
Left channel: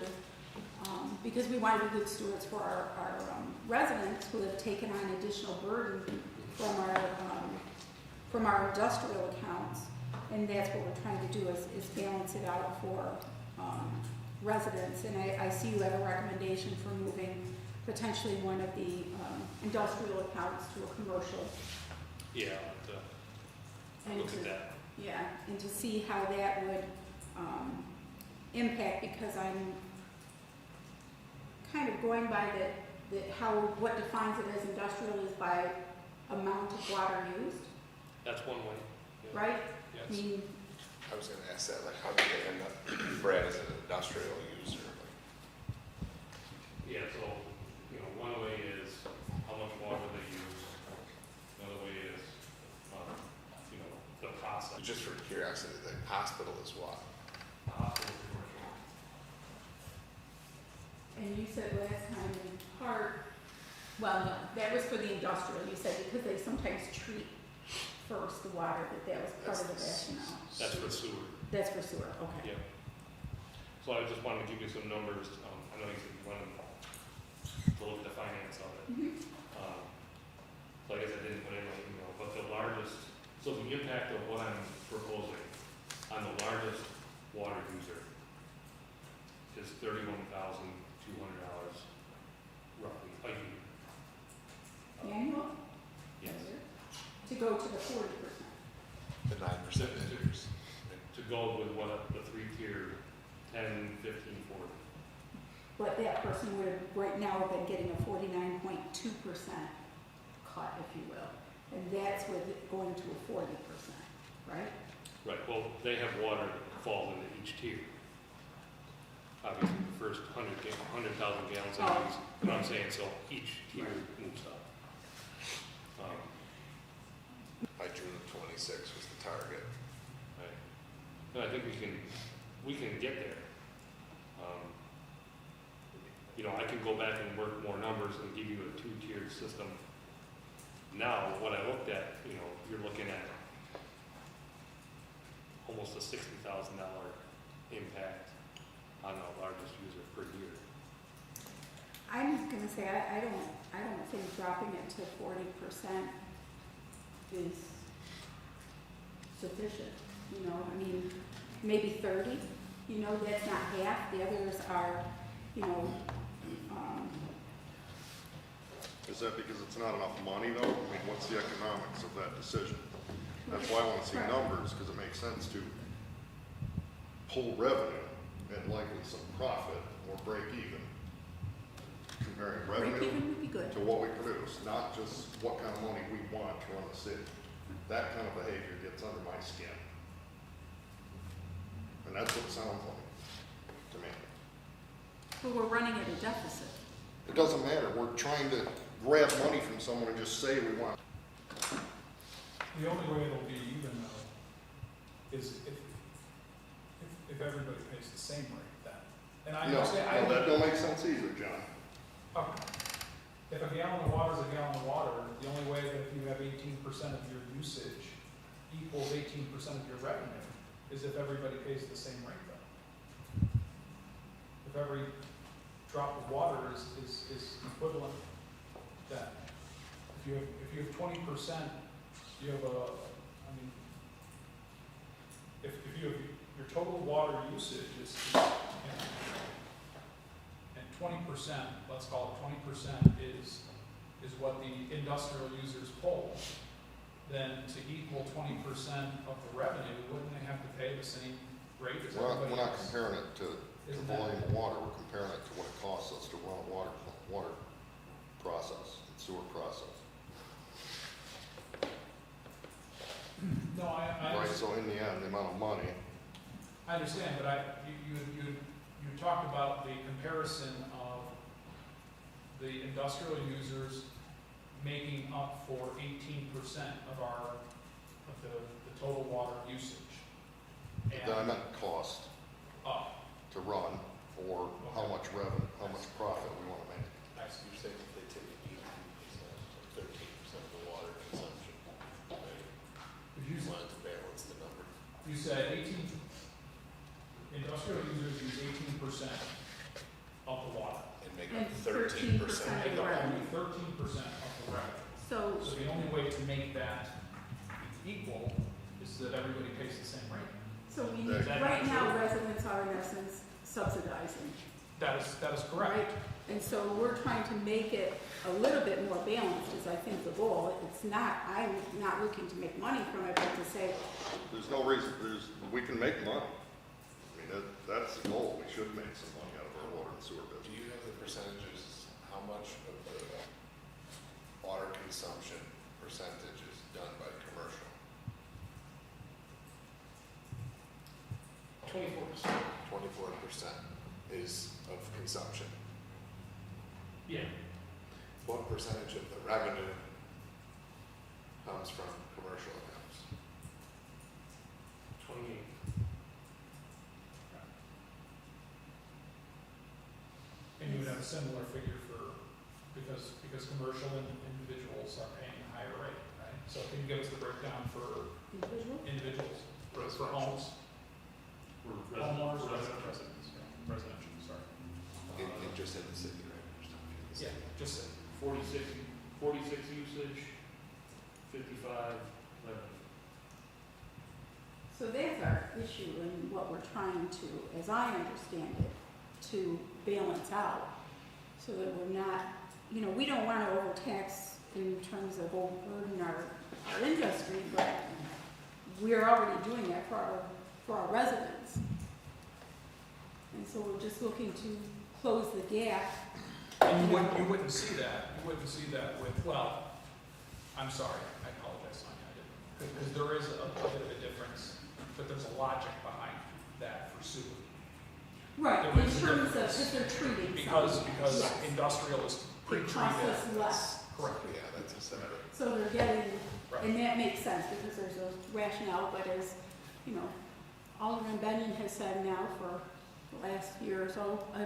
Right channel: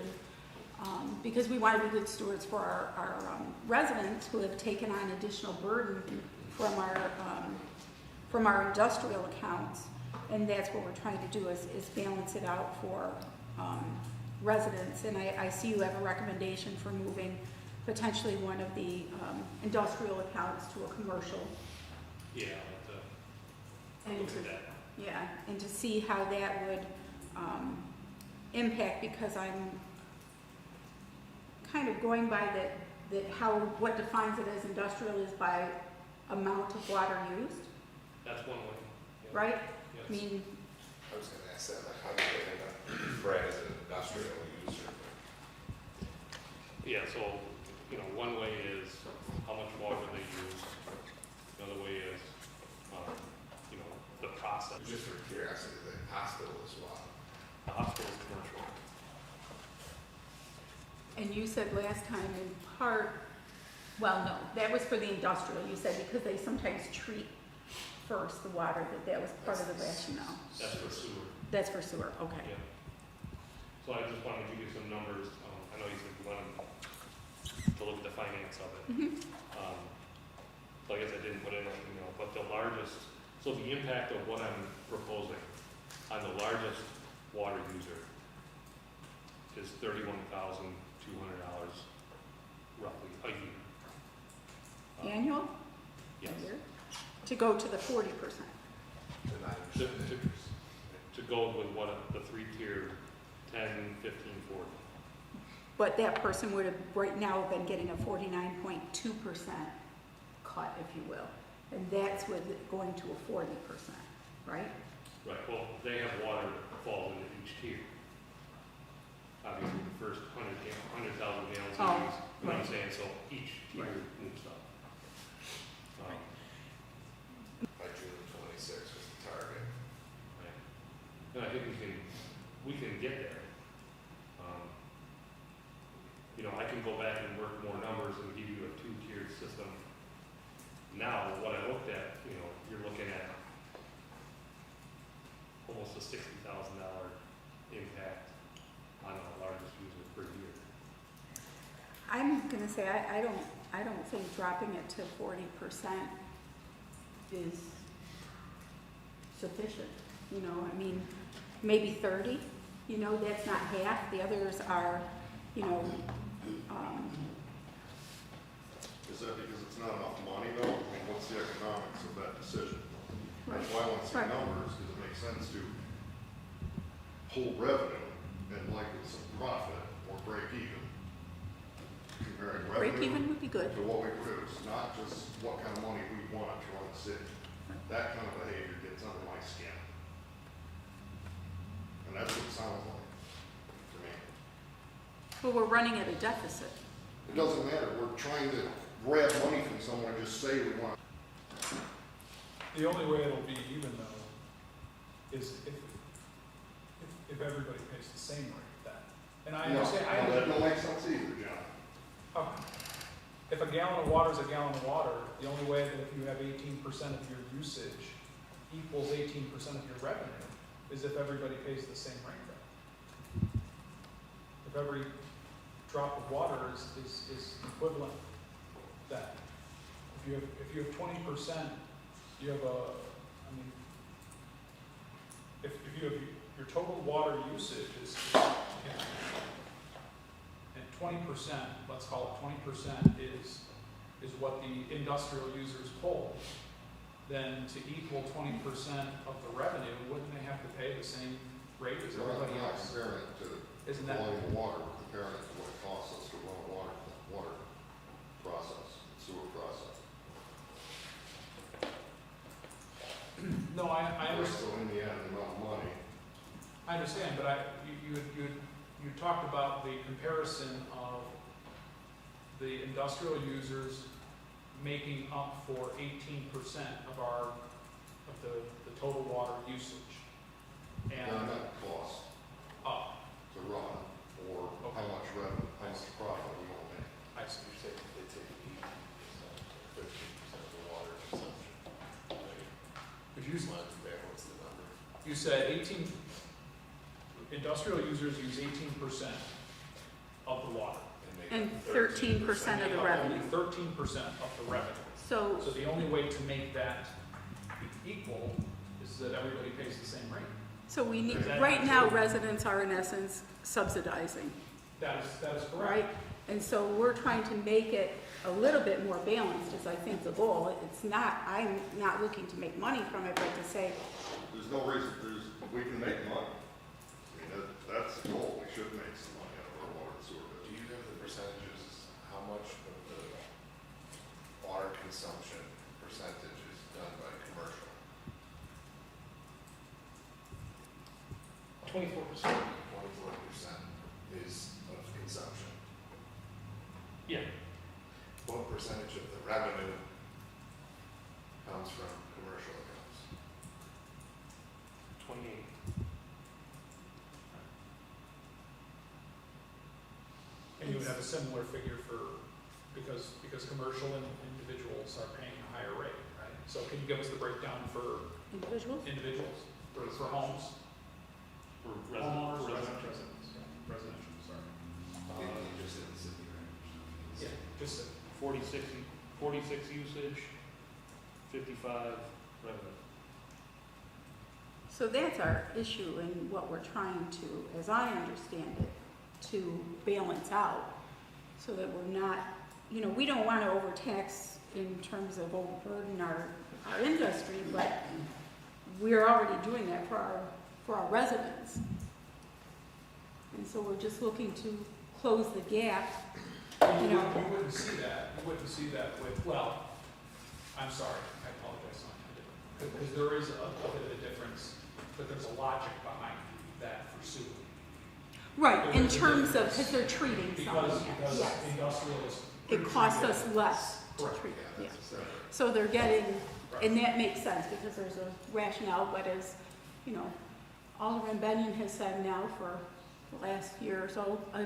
Because we want to be good stewards for our residents who have taken on additional burden from our industrial accounts. And that's what we're trying to do is balance it out for residents. And I see you have a recommendation for moving potentially one of the industrial accounts to a commercial. Yeah, And look to- at that. Yeah, and to see how that would impact, because I'm kind of going by what defines it as industrial is by amount of water used, That's one way. Yeah. right? Yes. I mean, I was gonna ask that, like, how do you get into Brad as an industrial user? Yeah, so, you know, one way is how much water they use. Another way is, you know, the process. Just for curiosity, the hospital is what? The hospital is commercial. and you said last time in part, well, no, that was for the industrial. You said because they sometimes treat first the water, that was part of the rationale. That's for sewer. That's for sewer, okay. Yeah. So I just wanted to give you some numbers. I know you said you wanted to look at the finance of it. Mhm. So I guess I didn't put in my email, but the largest, so the impact of what I'm proposing on the largest water user is $31,200 roughly a year. Annual? Yes. To go to the 40%. The 9%. To go with what the three-tiered 10, 15, 40. But that person would have right now have been getting a 49.2% cut, if you will. And that's with it going to a 40%, right? Right, well, they have water that falls into each tier. Obviously, the first 100,000 gallons Oh, they use, but I'm right. saying, so each tier Right. moves up. By June of 26 was the target. Right. And I think we can get there. You know, I can go back and work more numbers and give you a two-tiered system. Now, what I looked at, you know, you're looking at almost a $60,000 impact on the largest user per year. I'm gonna say, I don't think dropping it to 40% is sufficient, you know, I mean, maybe 30, you know, that's not half, the others are, you know, Is that because it's not enough money though? I mean, what's the economics of that decision? right, That's why I want to see Right. numbers, because it makes sense to pull revenue and likely some profit or break even. Comparing break revenue even would be good. to what we produce, not just what kind of money we want to run the city. That kind of behavior gets under my skin. And that's what it sounds like to me. But we're running at a deficit. It doesn't matter, we're trying to grab money from someone and just say we want. The only way it'll be even though is if everybody pays the same rate then. And I No, understand, no, that don't make sense either, John. Okay. If a gallon of water is a gallon of water, the only way that if you have 18% of your usage equals 18% of your revenue is if everybody pays the same rate though. If every drop of water is equivalent, then if you have 20%, you have if you have your total water usage is you know, and 20%, let's call it 20% is what the industrial users pull, then to equal 20% of the revenue, wouldn't they have to pay the same rate as We're everybody not else? comparing it to Isn't the that- volume of water, we're comparing it to what it costs us to run a water process, sewer process. No, I Right, understand. so in the end, the amount of money, I understand, but you talked about the comparison of the industrial users making up for 18% of the total water usage. then I And, meant cost to run, or how Okay. much revenue, how much profit we wanna make. I see. You're saying if they take you said 18, industrial users use 18% of the water. And 13% of Make the up revenue. only 13% of the revenue. So So, the only way to make that equal is that everybody pays the same rate. so we need, Is that right not now true? residents are in essence subsidizing, That is correct. right? And so we're trying to make it a little bit more balanced is I think the goal. It's not, I'm not looking to make money from it, but to say, There's no reason, we can make money. I mean, that's the goal, we should make some money out of our water and sewer Do business. you have the percentages, how much of the water consumption percentage is done by commercial? 24%. 24% is of consumption. Yeah, What percentage of the revenue comes from commercial accounts? 28. And you would have a similar figure for, because commercial and individuals are paying a higher rate, right? So can you give us the breakdown for individuals? individuals, for homes? For Homeowners, residents. Residential, sorry. Just in the city, right? Yeah, just, 46 usage, 55 revenue. So that's our issue and what we're trying to, as I understand it, to balance out so that we're not, you know, we don't want to overtax in terms of overburden our industry, but we're already doing that for our residents. And so we're just looking to close the gap. and You know. you wouldn't see that with, well, I'm sorry, I apologize, Sonia, I didn't, because there is a bit of a difference, but there's a logic behind that for sewer. Right, There in is a terms of, difference. because they're treating Because some, yes. industrial is It pre-treated. costs us less to Correct. treat. Yeah, that's a separate. So they're getting, Right. and that makes sense because there's a rationale, but as, you know, Alderman Benyon has said now for the last year or so, a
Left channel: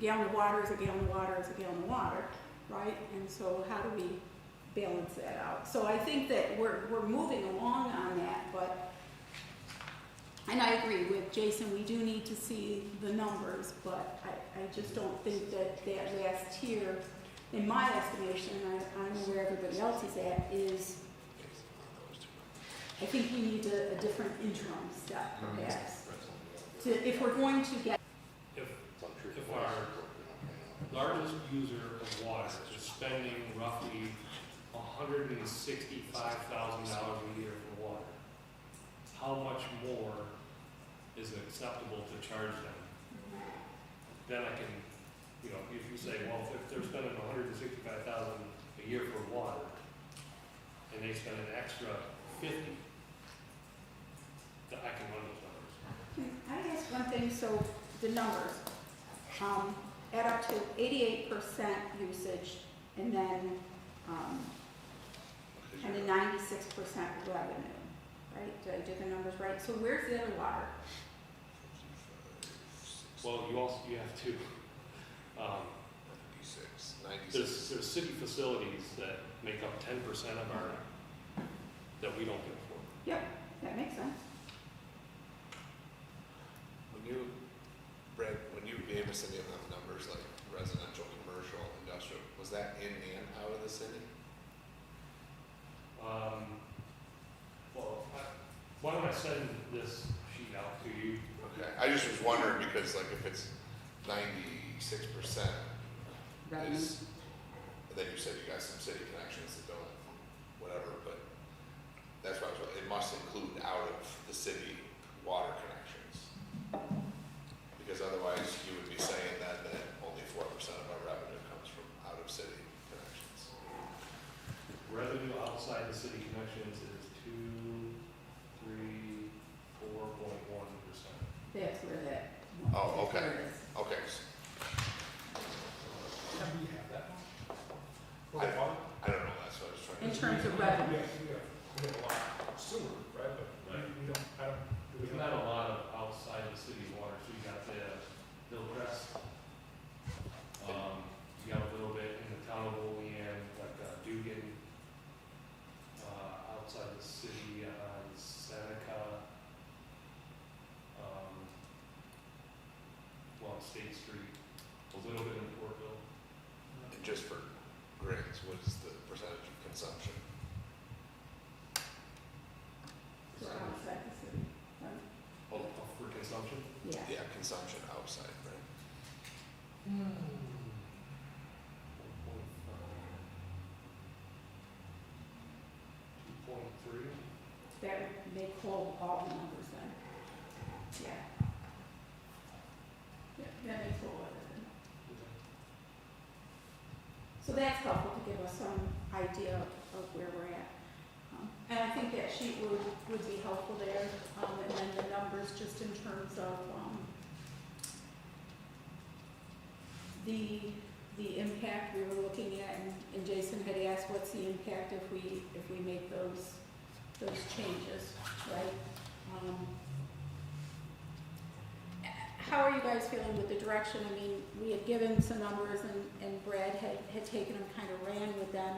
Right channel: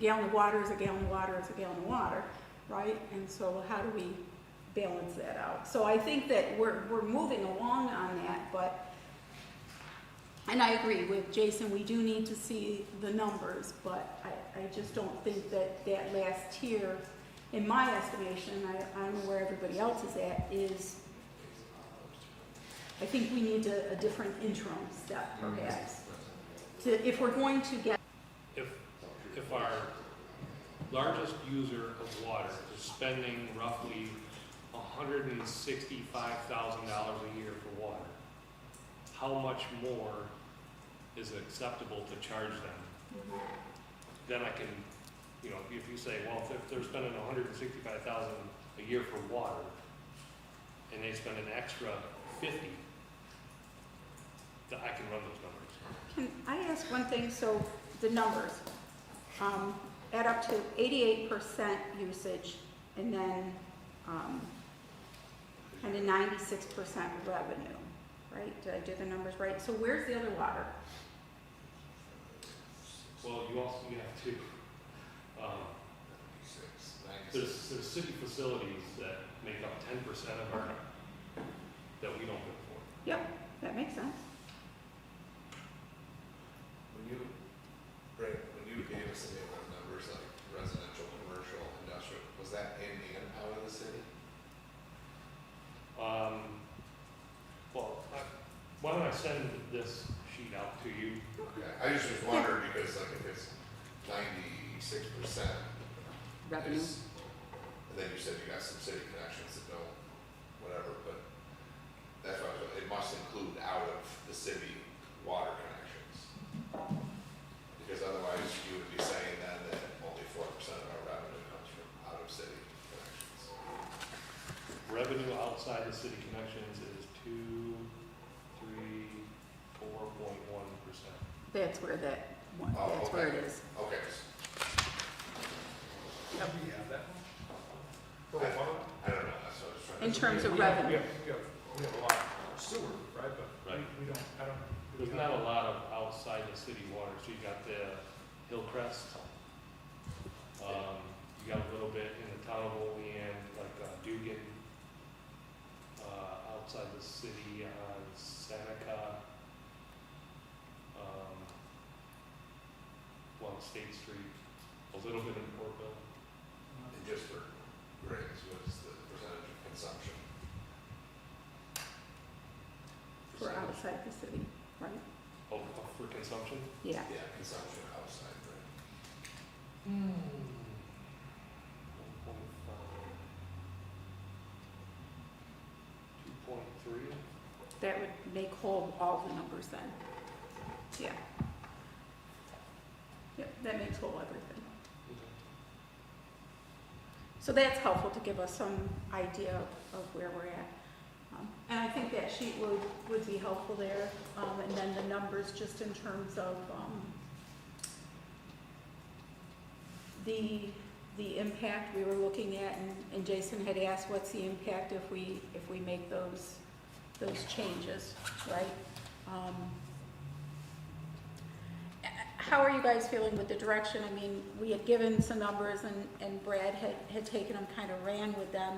gallon of water is a gallon of water is a gallon of water, right? And so how do we balance that out? So I think that we're moving along on that, but, and I agree with Jason, we do need to see the numbers, but I just don't think that that last tier, in my estimation, I don't know where everybody else is at, is, I think we need a different interim step perhaps. If we're going to get, If our largest user of water is spending roughly $165,000 a year for water, how much more is acceptable to charge them? Then I can, you know, if you say, well, if they're spending $165,000 a year for water, and they spend an extra 50, then I can run those numbers. can I ask one thing? So the numbers add up to 88% usage and then kind of 96% revenue, right? Did I do the numbers right? So where's the other water? Well, you have to, 96. there's city facilities that make up 10% of our, that we don't bill for. Yep, that makes sense. When you gave us any of those numbers, like residential, commercial, industrial, was that in and out of the city? Well, why don't I send this sheet out to you? Okay, I just was wondering because like if it's 96% is, and then you said you got some city connections that don't, whatever, but that's why it must include out of the city water connections. Because otherwise you would be saying then that only 4% of our revenue comes from out of city connections. Revenue outside the city connections is 4.1%. That's where that one, Oh, that's where okay. it is. Okay, How do you have that one? For the water? I don't know, that's what I was trying to. In terms of We have- revenue. we have a lot of sewer, right, but Right. we don't, I don't. do we There's have- not a lot of outside the city water, so you got the Hillcrest. You got a little bit in the town of Olean, like Dugan, outside the city, Seneca, State Street, a little bit in Portville. And just for grins, what is the percentage of consumption? For outside the city, right? Oh, for consumption? Yeah. Yeah, consumption outside, right? 2.3? That would make whole all the numbers then. Yeah. Yeah, that makes whole everything. So that's helpful to give us some idea of where we're at. And I think that sheet would be helpful there. And then the numbers just in terms of the impact we were looking at, and Jason had asked what's the impact if we make those changes, right? How are you guys feeling with the direction? I mean, we had given some numbers and Brad had taken them, kind of ran with them.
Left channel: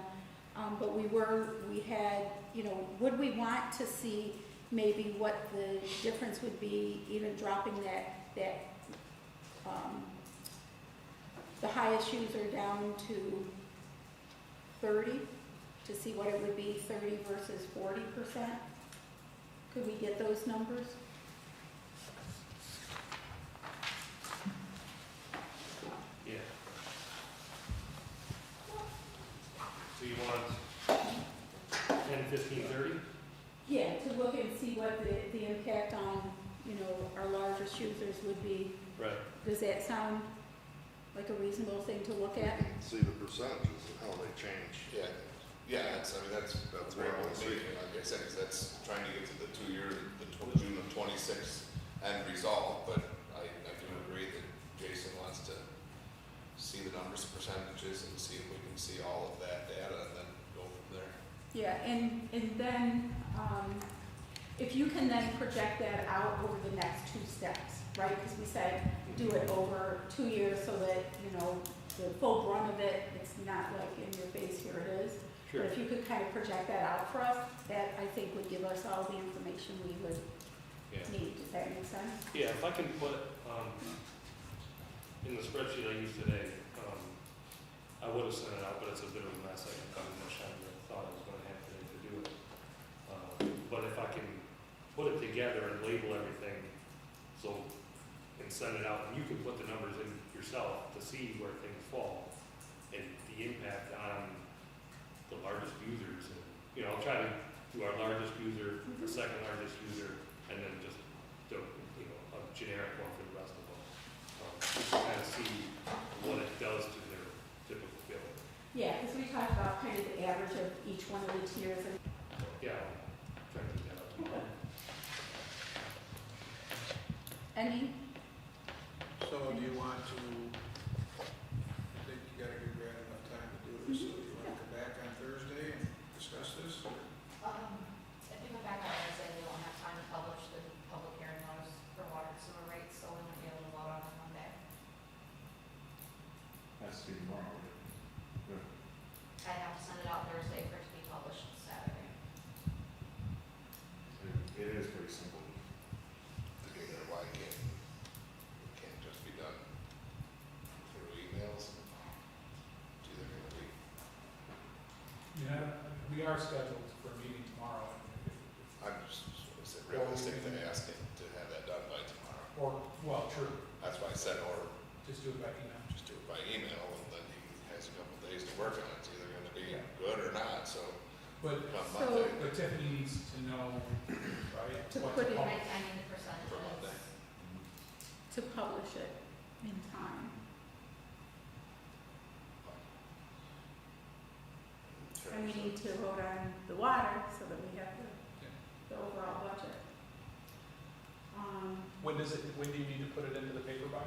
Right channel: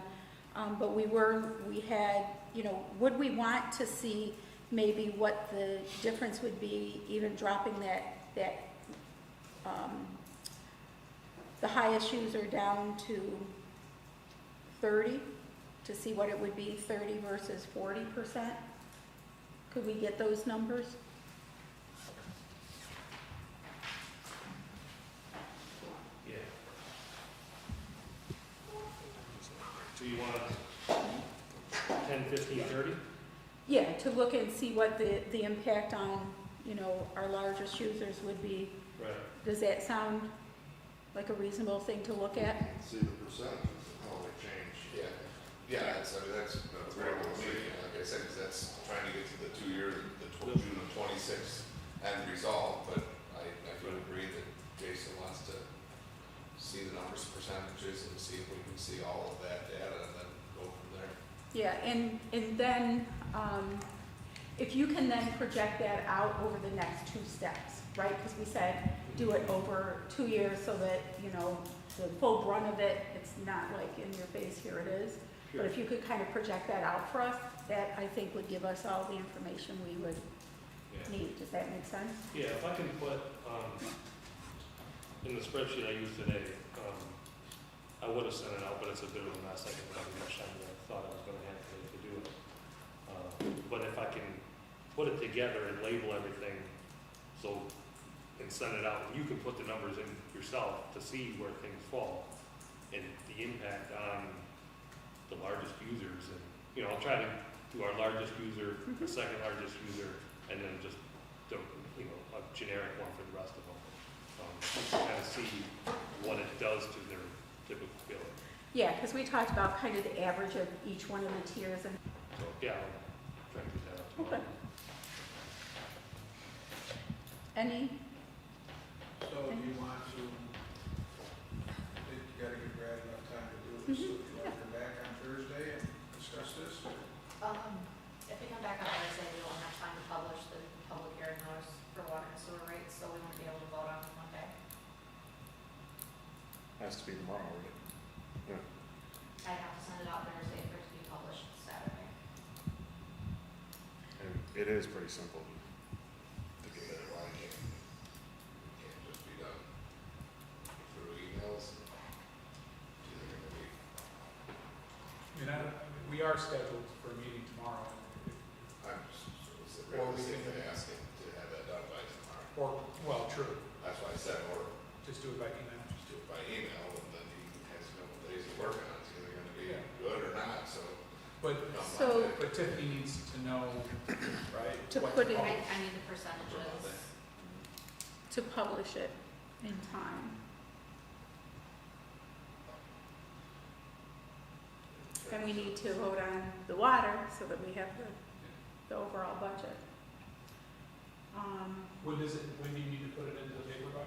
But we had, would we want to see maybe what the difference would be, even dropping that the highest user down to 30, to see what it would be, 30 versus 40%? Could we get those numbers? Yeah. So you want 10, 15, 30? Yeah, to look and see what the impact on, our largest users would be. Right. Does that sound like a reasonable thing to look at? See the percentages and how they change. Yeah, that's what I want to see. Like I said, because that's trying to get to the 2 year, June of 26 end result. But I do agree that Jason wants to see the numbers, percentages, and see if we can see all of that data and then go from there. Yeah, and then, if you can then project that out over the next 2 steps, right? Because we said do it over 2 years so that, the full brunt of it, it's not like in your face, here it is. Sure. But if you could kind of project that out for us, that I think would give us all the information we would need. Does that make sense? Yeah, if I can put, in the spreadsheet I used today, I would have sent it out, but it's a bit of a mess. I didn't have as much time as I thought I was going to have today to do it. But if I can put it together and label everything, and send it out, and you can put the numbers in yourself to see where things fall, and the impact on the largest users, and, I'll try to do our largest user, our second largest user, and then just a generic one for the rest of them. You can kind of see what it does to their typical billing. Yeah, because we talked about kind of the average of each one of the tiers and. So, yeah, I'll try to get that out tomorrow. Okay. Any? So you want to, I think you gotta give Brad enough time to do this, so you wanna come back on Thursday and discuss this, or? If we come back on Wednesday, we won't have time to publish the public hearing notice for water and sewer rates, so we won't be able to vote on it Monday. Has to be tomorrow. I'd have to send it out Thursday for it to be published Saturday. And it is pretty simple to get it. Why it can't just be done through emails? It's either gonna be, We are scheduled for a meeting tomorrow. I'm just, is it Or we realistic to can- ask him to have that done by tomorrow? Well, true, That's why I said, or just do it by email. just do it by email, and then he has a couple days to work on it. It's either gonna be Yeah. good or not, so But, come So- Monday. but Tiffany needs to know, right, To what put to it- publish. I need the For Monday. percentages. To publish it in time. And we need to vote on the water so that we have the overall budget. When do you need to put it into the paper by?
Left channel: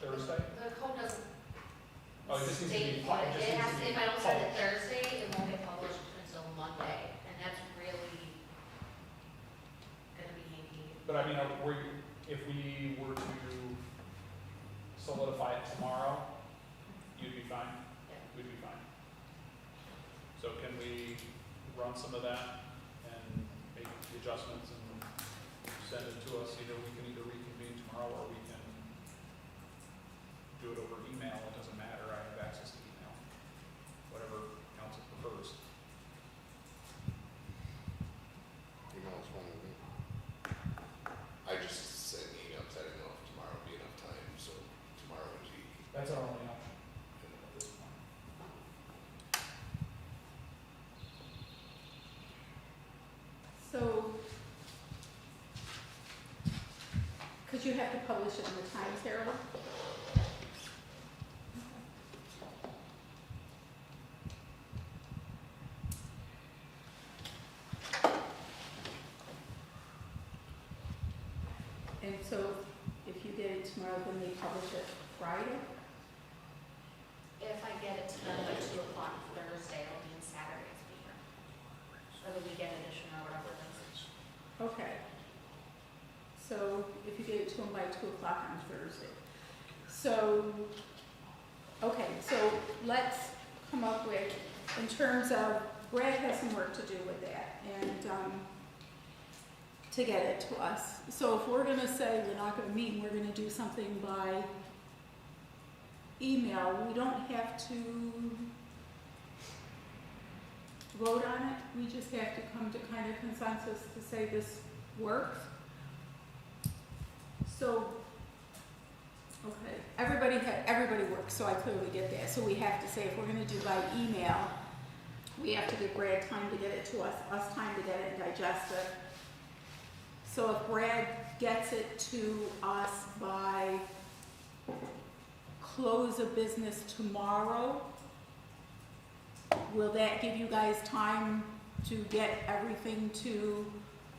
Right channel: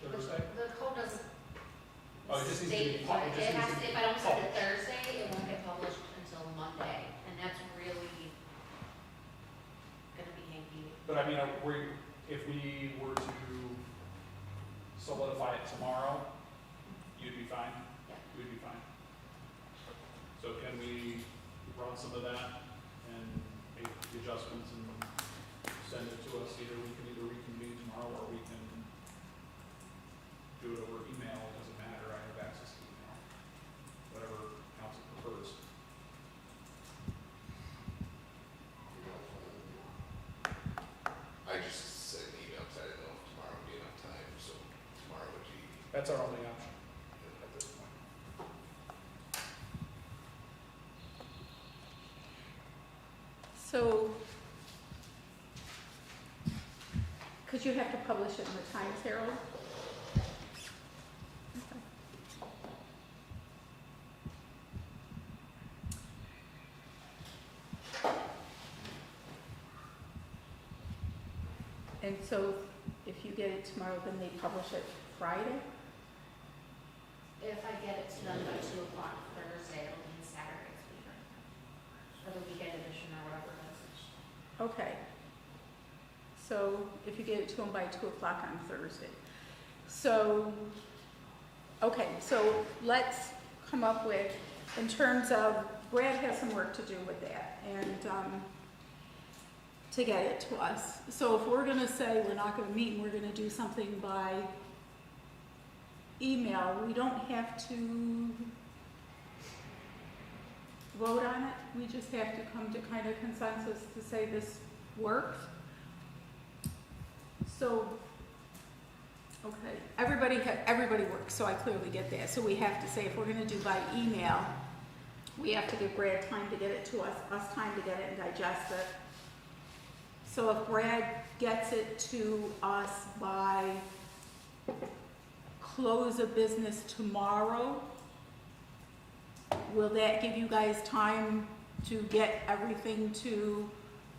Thursday? The code doesn't Oh, it just needs to be state, pu- it it just needs has, to be if I don't send it published. Thursday, it won't get published until Monday, and that's really gonna be hanky. But I mean, if we were to solidify it tomorrow, you'd be fine? Yeah. We'd be fine. So can we run some of that and make the adjustments and send it to us? We can either reconvene tomorrow or we can do it over email, it doesn't matter, I have access to email, whatever council prefers. I just sent an email because I didn't know if tomorrow would be enough time, so tomorrow would be, That's our only option at this point. So, because you have to publish it in the Times Herald? Okay. And so if you get it tomorrow, then they publish it Friday? If I get it to them by 2 o'clock Thursday, it'll be in Saturday's paper. Or the weekend edition or whatever it is. Okay. So if you get it to them by 2 o'clock on Thursday. So, okay, so let's come up with, in terms of, Brad has some work to do with that and to get it to us. So if we're gonna say we're not gonna meet and we're gonna do something by email, we don't have to vote on it. We just have to come to kind of consensus to say this works. So, okay, everybody works, so I clearly get that. So we have to say if we're gonna do by email, we have to give Brad time to get it to us time to get it and digest it. So if Brad gets it to us by close of business tomorrow, will that give you guys time to get everything to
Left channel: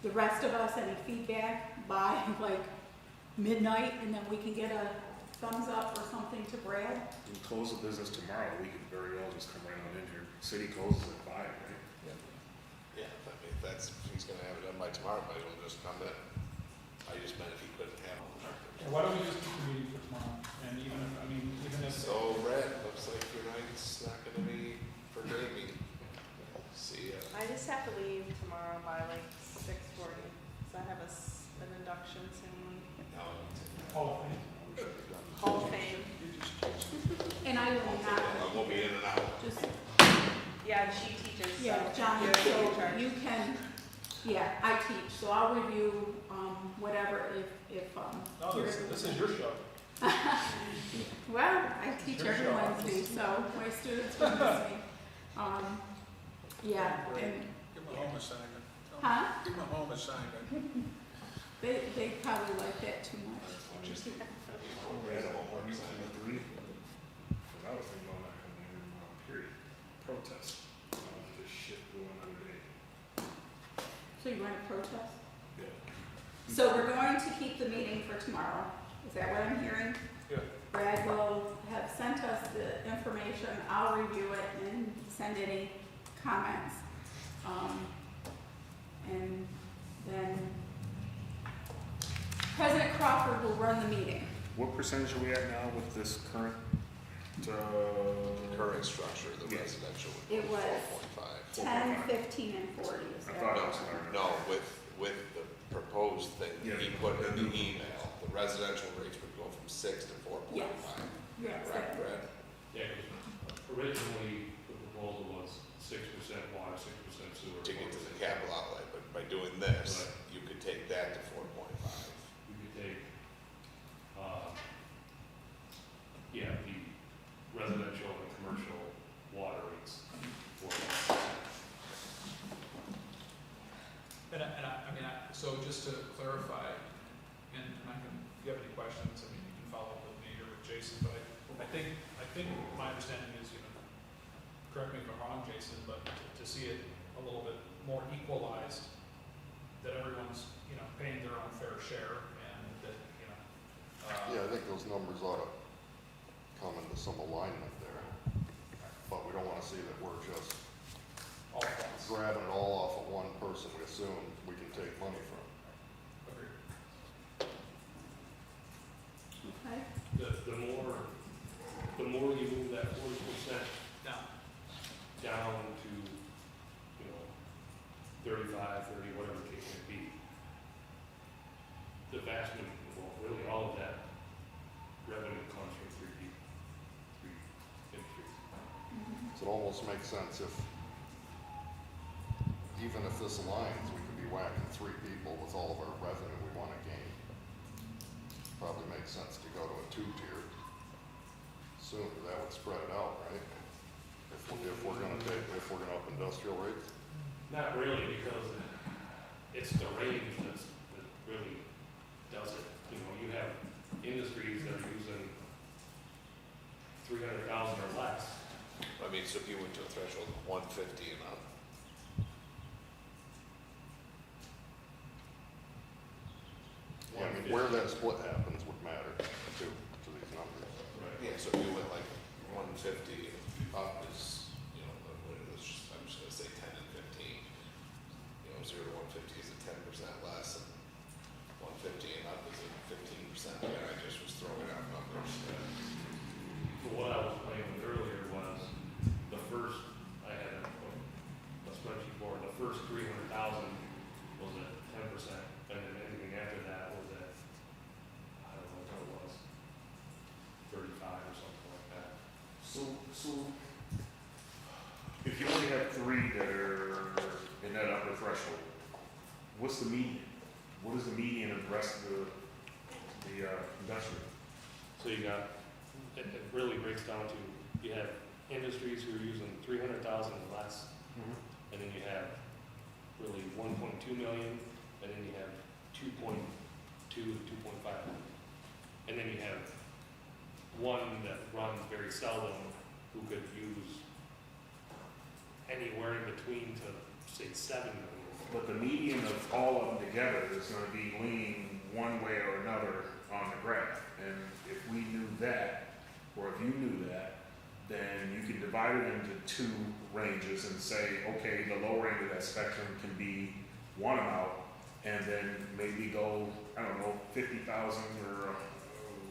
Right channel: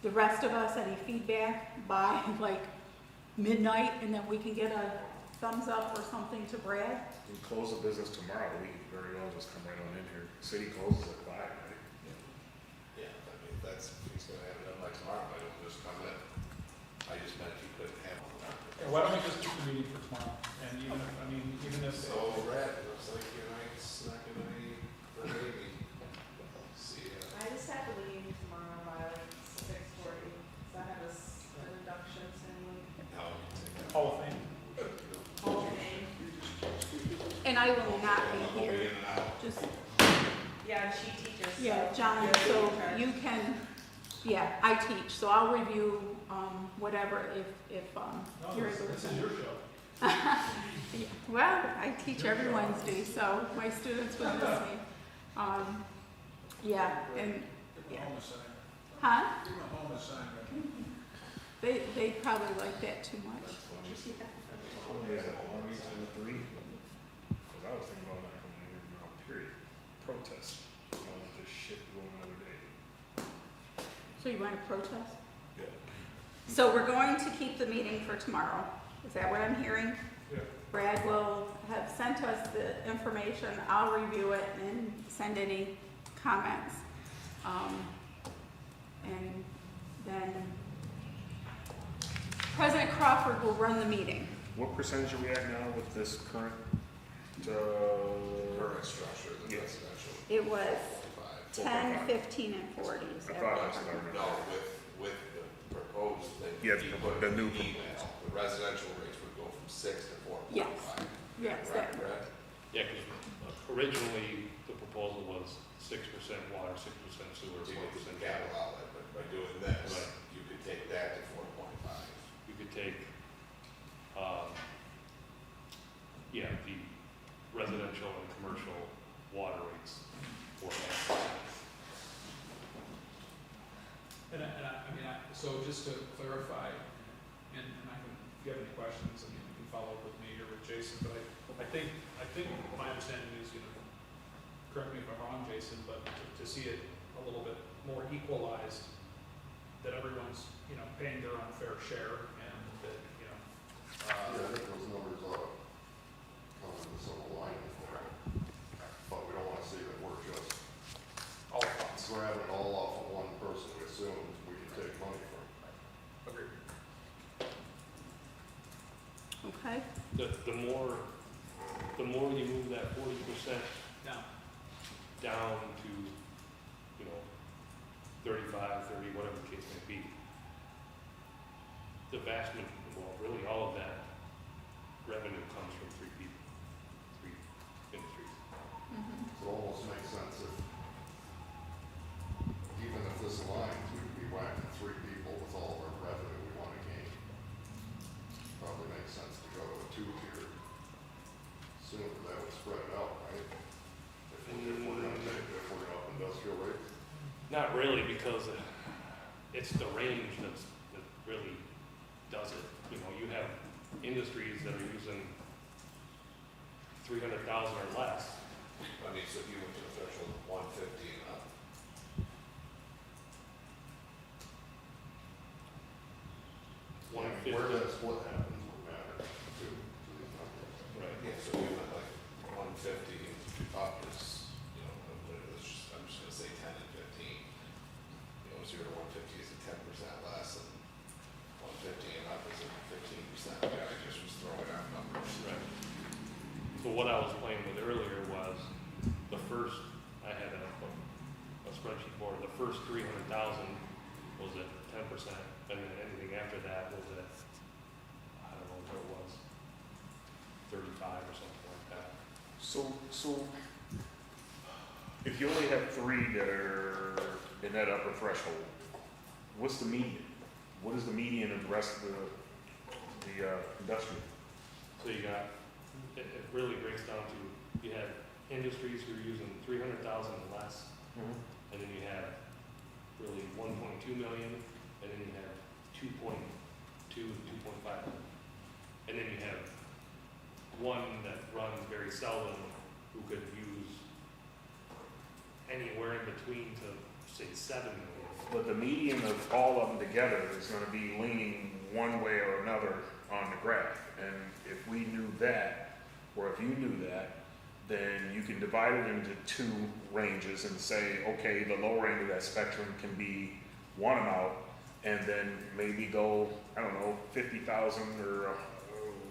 the rest of us, any feedback by like midnight, and then we can get a thumbs up or something to Brad? We close the business tomorrow, we could very well just come right on in here. City closes at 5, right? yeah, I mean, if that's, if he's gonna have it done by tomorrow, might as well just come in. I just meant if he couldn't have it. Yeah, why don't we just keep the meeting for tomorrow? And even if, So, Brad, looks like your night's not gonna be for gaming. See ya. I just have to leave tomorrow by 6:40, so I have an induction ceremony. No, I won't take that. Hall of Fame. Hall of Fame. And I will not We'll be be here. in and out. Just, Yeah, she teaches. yeah, so- John, so you can, yeah, I teach, so I'll review, whatever if, No, you're this able to. is your show. Yeah, well, I teach every Wednesday, so my students would miss me. Yeah, and, Give yeah. them home assignment. Huh? Give them home assignment. They probably like that too much. That's funny. How many is that, 1, 2, 3? Because I was thinking about not coming in here tomorrow, period. Protest. I want this shit to go another day. So you want to protest? Yeah. So we're going to keep the meeting for tomorrow. Is that what I'm hearing? Yeah. Brad will have sent us the information. I'll review it and send any comments. And then President Crawford will run the meeting. What percentage are we at now with this current, Current structure, the Yes. residential. It was 10, 4.5. 15, and 40. Is I that thought what that's we're what I talking remember. No, with the proposed thing Yeah, that he put the in the new- email, the residential rates would go from 6 to 4.5. Yes. Correct, Brad? Yeah, because originally the proposal was 6% water, 6% sewer, To get to 4% the capital outlay, but by doing this, Right. you could take that to 4.5. You could take, the residential and commercial water rates for that. So just to clarify, and I can, if you have any questions, you can follow up with me or with Jason, but I think my understanding is, correct me if I'm wrong, Jason, but to see it a little bit more equalized, that everyone's, paying their own fair share, and that, Yeah, I think those numbers ought to come into some alignment there. But we don't wanna see that we're just all at once. grabbing it all off of one person we assume we can take money from. Agreed. Okay. The more you move that 40% Now, down to, 35, 30, whatever the case may be, the vast, really all of that revenue comes from 3 people. almost make sense if, even if this aligns, we could be whacking 3 people with all of our revenue we wanna gain. Probably makes sense to go to a 2-tier sooner, that would spread it out, right? If we're gonna up industrial rates. Not really, because it's the range that really does it. You know, you have industries that are using 300,000 or less. I mean, so if you went to a threshold of 150 and up, Yeah, I mean, where that split happens would matter too, to these numbers. Right. yeah, so if you went like 150 and up is, you know, let's just, I'm just gonna say 10 and 15. You know, 0 to 150 is a 10% less, and 150 and up is a 15%. I mean, I just was throwing out numbers. But what I was playing with earlier was the first, I had a spreadsheet for the first 300,000 was at 10%, and then anything after that was at, I don't know what it was, 35 or something like that. So if you only have 3 that are in that upper threshold, what's the median? What is the median of the rest of the industrial? So you got, it really breaks down to, you have industries who are using 300,000 and less, and then you have really 1.2 million, and then you have 2.2 to 2.5 million. And then you have one that runs very seldom who could use anywhere in between to say 7 million. But the median of all of them together is gonna be leaning one way or another on the graph. And if we knew that, or if you knew that, then you can divide it into 2 ranges and say, okay, the lower end of that spectrum can be one amount, and then maybe go, I don't know, 50,000 or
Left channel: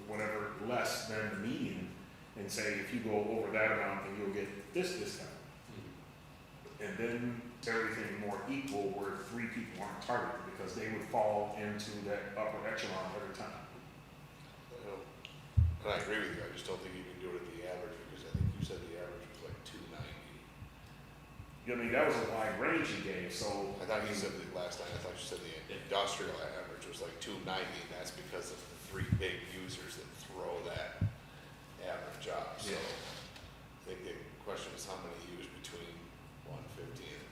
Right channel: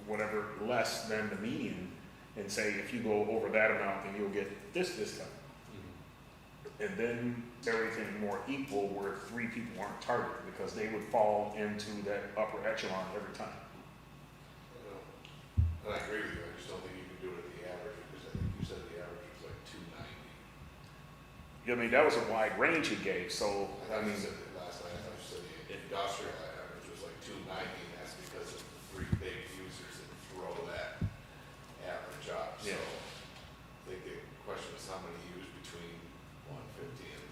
whatever less than the median, and say if you go over that amount, then you'll get this discount. And then everything more equal where 3 people aren't targeted, because they would fall into that upper echelon every time. And I agree with you, I just don't think you can do it at the average, because I think you said the average was like 290. I mean, that was a wide range you gave, so, I thought you said that last night, I thought you said the industrial average was like 290, and that's because of the 3 big users that throw that average up. So I think the question is how many use between 150 and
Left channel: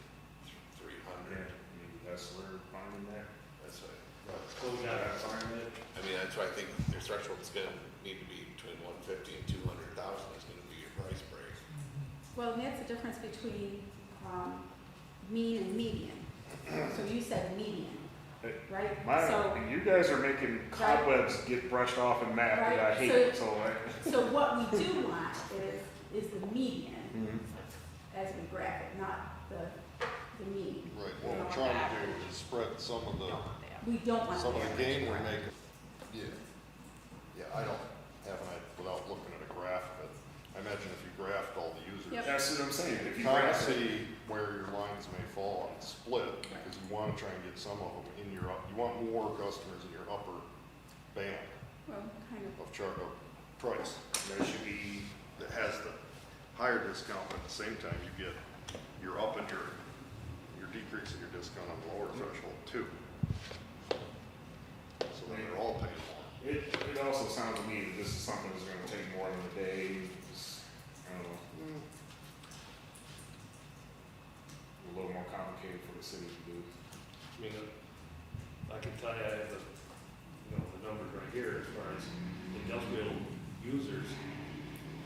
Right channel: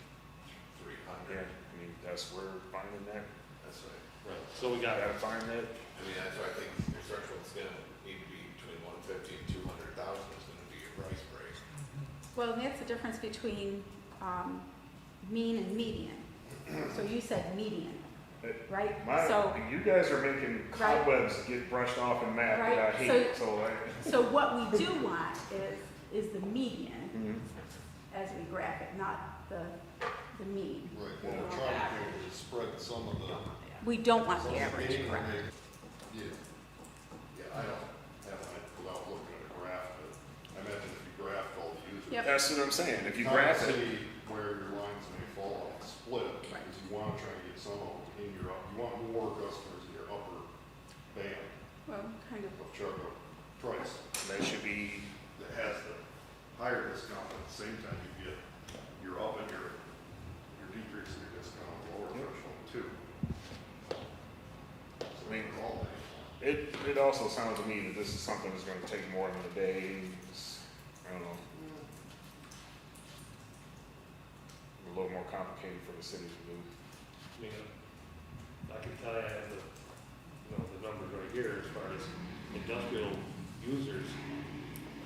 300. that's where we're finding that. That's right. Right. So we got to find that. I mean, that's why I think your threshold is gonna need to be between 150 and 200,000 is gonna be your price break. Well, that's the difference between mean and median. So you said median, right? So, You guys are making cobwebs get brushed off in math that I Right, hate, so what we do want is the median Mhm. as we graph it, not the mean. Right, well, we're trying to be able to spread some of We don't want the that. gain we're making. Yeah. Yeah, I don't have an idea, without looking at a graph of it, I imagine if you graphed all the users. Yep. That's what I'm saying. If You you kind of graph it, see where your lines may fall on the split, because you want to try and get some of them in your, you want more customers in your upper band Well, kind of. of chart of price. that should be, That has the higher discount, but at the same time, you get, you're up and you're decreasing your discount on the lower threshold too. So they're all things. it also sounds to me that this is something that's gonna take more than a day. It's, I don't know. A little more complicated for the city to do. I mean, I can tell you, I have the numbers right here as far as industrial users.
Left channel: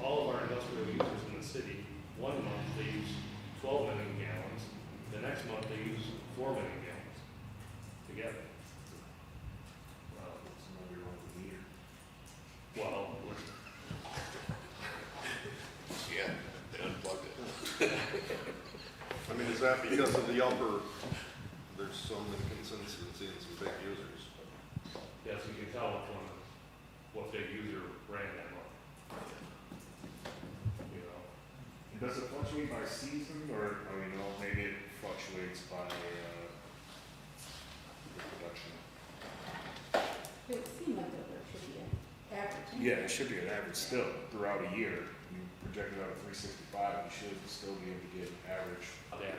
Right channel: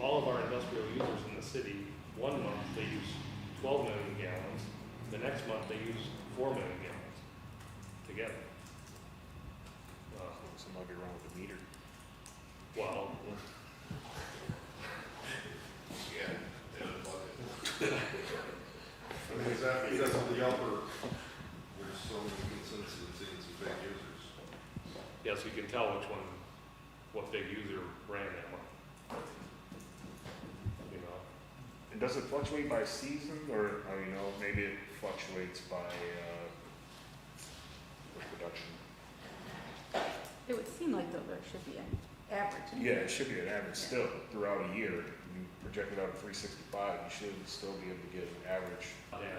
All of our industrial users in the city, 1 month they use 12 million gallons, the next month they use 4 million gallons together. Something might be wrong with the meter. Well, Yeah, they unplug it. I mean, is that because of the upper, there's some inconsistency and some big users? yes, you can tell what big user ran that month. You know, And does it fluctuate by season, or, maybe it fluctuates by, the production? It would seem like though there should be an average. Yeah, it should be an average still throughout a year. You projected out at 365, you should still be able to get an average. data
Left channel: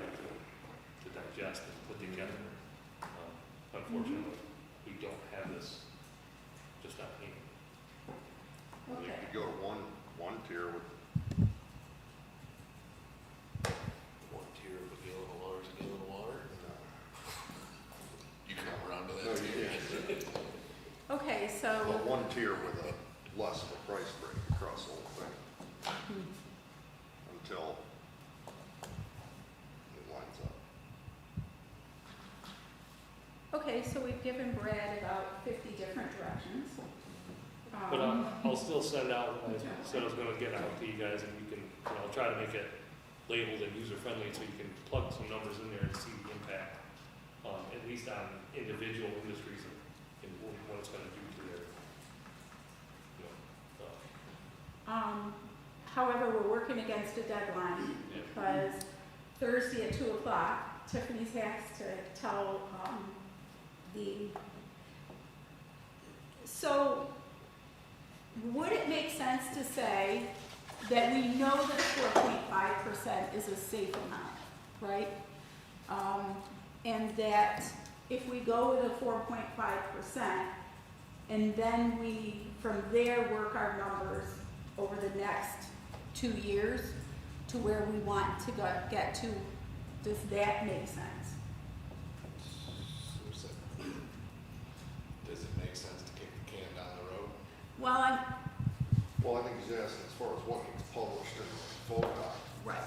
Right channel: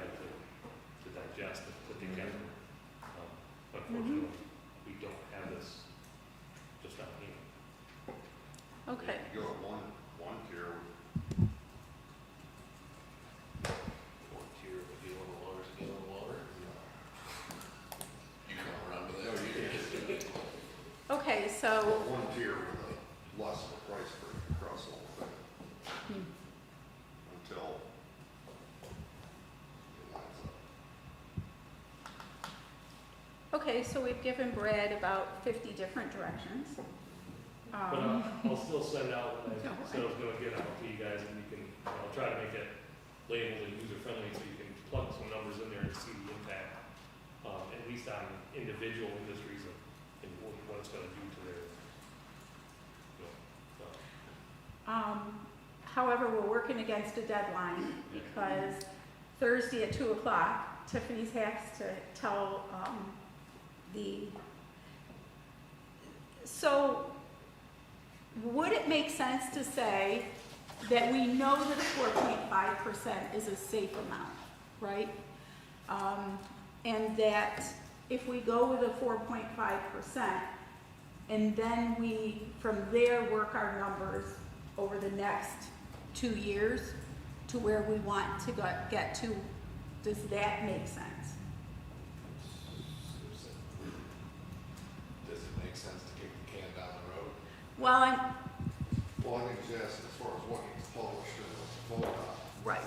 to digest and put together. Unfortunately, we don't have this just out here. Okay. You go to one tier with One tier of a gallon of water is a gallon of water. You come around to No, that you tier. can't. Okay, so, But one tier with a less of a price break across the whole thing. Until it lines up. okay, so we've given Brad about 50 different directions. But I'll still send out what I Okay. said I was gonna get out to you guys, and you can, I'll try to make it labeled and user-friendly, so you can plug some numbers in there and see the impact, at least on individual industries and what it's gonna do to their, you know, However, we're working against a deadline Yeah. because Thursday at 2 o'clock, Tiffany's has to tell so would it make sense to say that we know that a 4.5% is a safe amount, right? And that if we go with a 4.5%, and then we, from there, work our numbers over the next 2 years to where we want to get to, does that make sense? Does it make sense to kick the can down the road? Well, Well, I think he's asking as far as what gets published in the FODOC, right,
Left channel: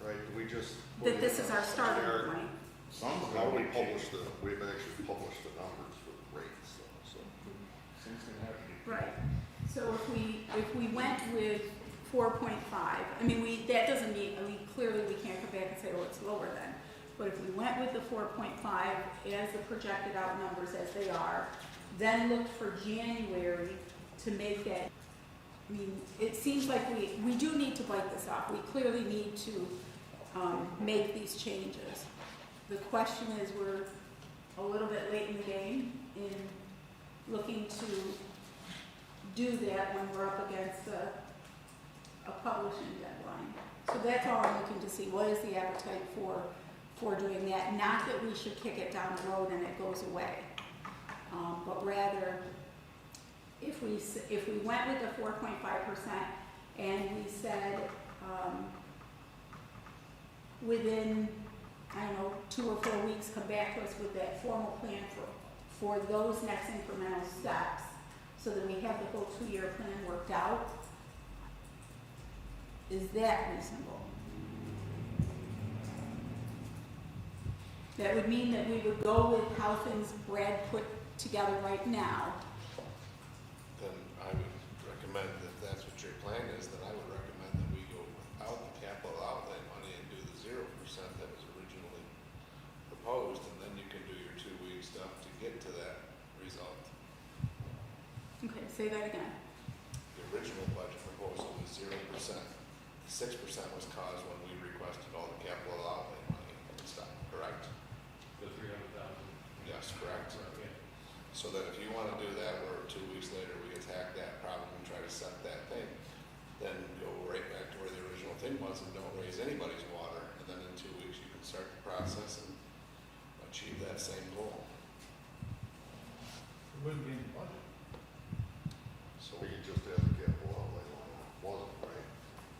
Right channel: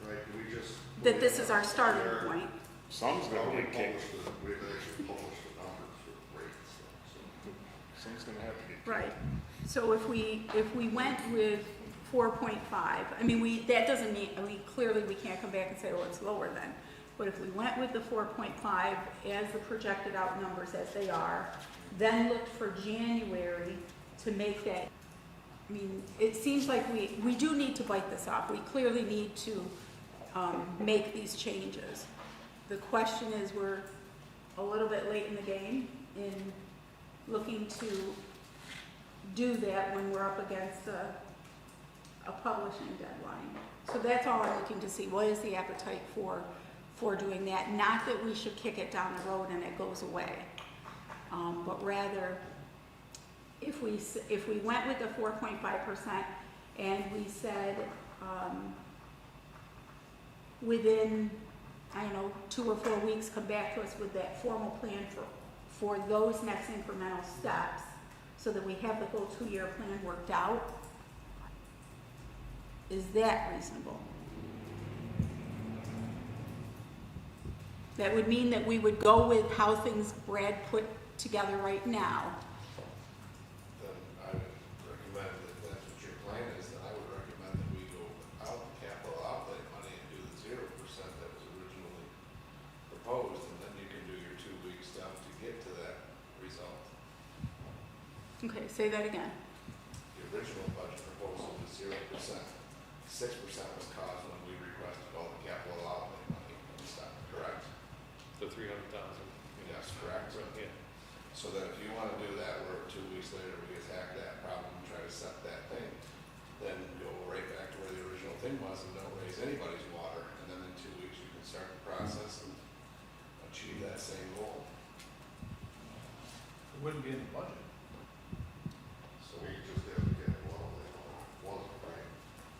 right? Do we just? that this is our starting generic- point. How do we publish we've actually published the numbers for the rates though, so. Right. So if we went with 4.5, I mean, that doesn't mean, clearly we can't come back and say, oh, it's lower than. But if we went with the 4.5 as the projected out numbers as they are, then looked for January to make that, I mean, it seems like we do need to bite this off. We clearly need to make these changes. The question is, we're a little bit late in the game in looking to do that when we're up against a publishing deadline. So that's all I'm looking to see. What is the appetite for doing that? Not that we should kick it down the road and it goes away, but rather if we went with the 4.5% and we said within, I don't know, 2 or 4 weeks, come back to us with that formal plan for those next incremental steps, so that we have the whole 2-year plan worked out. Is that reasonable? That would mean that we would go with how things Brad put together right now. Then I would recommend, if that's what your plan is, then I would recommend that we go without the capital outlay money and do the 0% that was originally proposed, and then you can do your 2-week stuff to get to that result. Okay, say that again. The original budget proposal was 0%. 6% was caused when we requested all the capital outlay money and stuff, correct? the 300,000. Yes, correct. Yeah. So that if you want to do that, where 2 weeks later we attack that problem and try to set that thing, then go right back to where the original thing was and don't raise anybody's water. And then in 2 weeks, you can start the process and achieve that same goal. It wouldn't be in the budget. So We could just have the capital outlay line, it wasn't, right?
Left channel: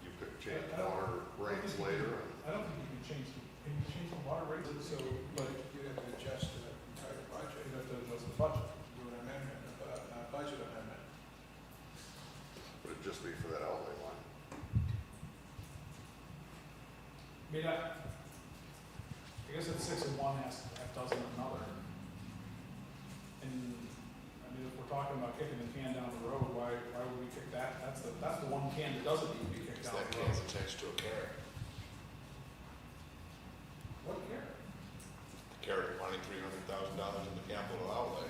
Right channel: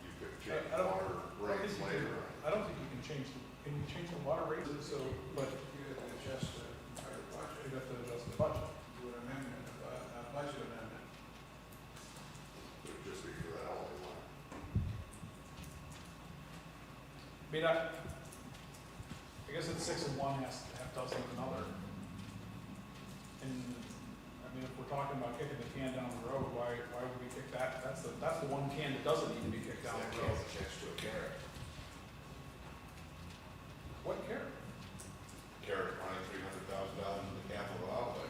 You could change I don't- water I don't rates think you later. can- I don't think you can change can you change the water rates, so, but You have to adjust the entire budget, you'd have to adjust the budget. do an amendment, a budget amendment. But it'd just be for that outlay line. I mean, I guess it's 6 in one, half dozen in another. And, I mean, if we're talking about kicking the can down the road, why would we kick that? That's the one can that doesn't need to be kicked down that the road. can's attached to a carrot. What care? The carrot wanting $300,000 in the capital outlay.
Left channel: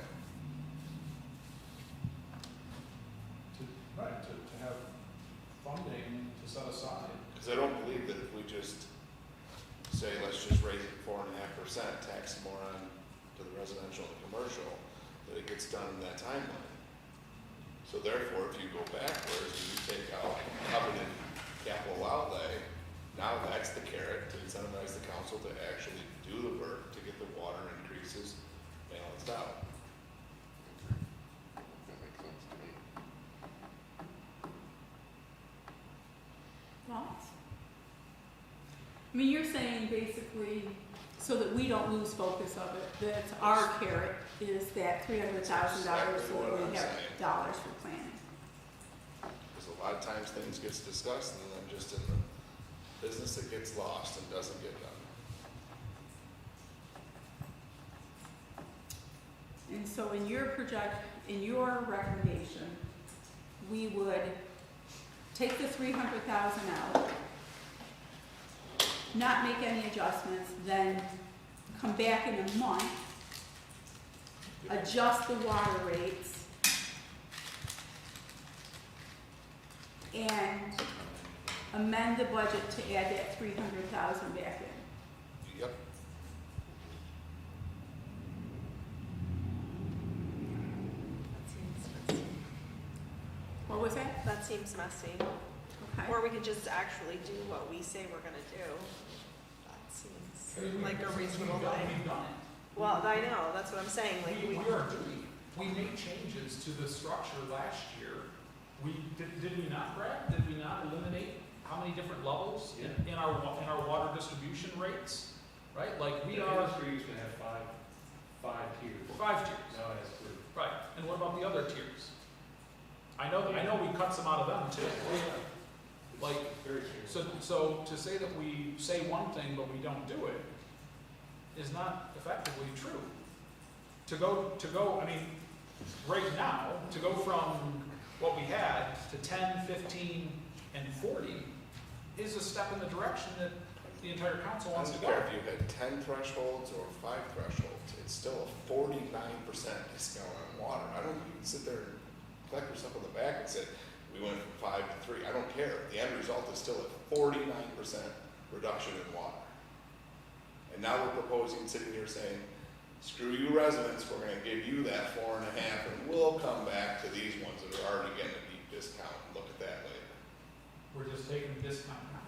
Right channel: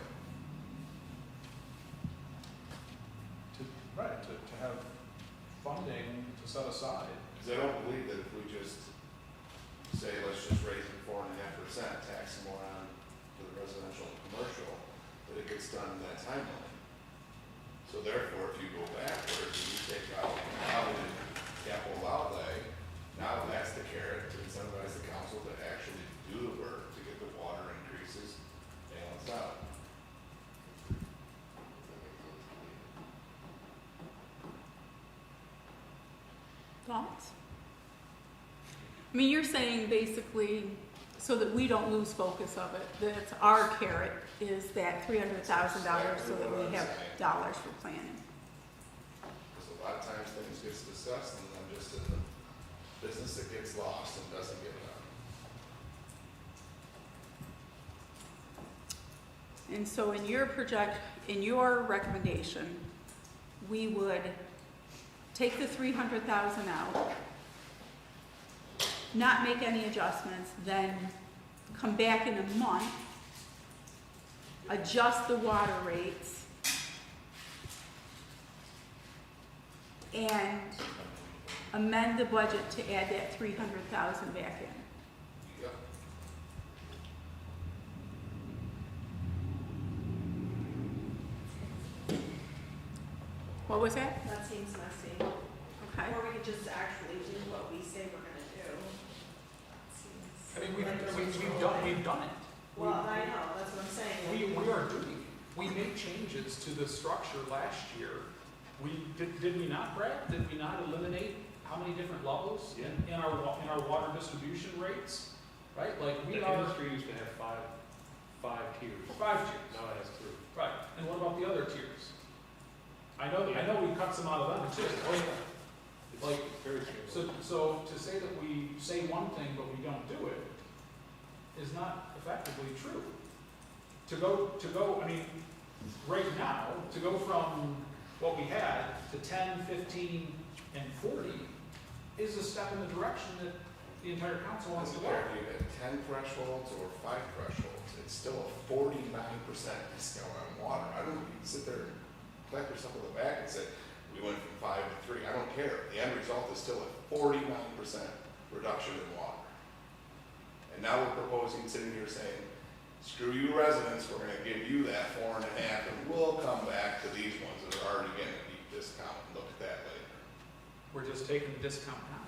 To have funding to set aside. Because I don't believe that if we just say, let's just raise it 4.5%, tax more on to the residential and commercial, that it gets done in that timeline. So therefore, if you go backwards and you take out coveted capital outlay, now that's the carrot to incentivize the council to actually do the work to get the water increases balanced out. That makes sense to me. Thoughts? I mean, you're saying basically, so that we don't lose focus of it, that our carrot is that $300,000 so that we have dollars for planning. Because a lot of times things gets discussed and then just in the business it gets lost and doesn't get done. And so in your recommendation, we would take the 300,000 out, not make any adjustments, then come back in a month, adjust the water rates, and amend the budget to add that 300,000 back in. Yep. What was that? That seems messy. Or we could just actually do what we say we're gonna do. That seems I mean, like a reasonable way. we've done it. Well, I know, that's what I'm saying. like, We are doing it. We made changes to the structure last year. Did we not, Brad? Did we not eliminate how many different levels in our water distribution rates? Right, like The industry used to have five tiers. 5 tiers. Now it has 3. Right, and what about the other tiers? I know we cut some out of them too. Oh, yeah. It's Like, very straightforward. So to say that we say one thing but we don't do it is not effectively true. To go, I mean, right now, to go from what we had to 10, 15, and 40 is a step in the direction that the entire council wants to go. If you had 10 thresholds or 5 thresholds, it's still a 49% discount on water. I don't, you can sit there and collect yourself on the back and say, we went from 5 to 3. I don't care. The end result is still a 49% reduction in water. And now we're proposing, sitting here saying, screw you residents, we're gonna give you that 4.5 and we'll come back to these ones that are already getting a deep discount and look at that later. We're just taking the discount now.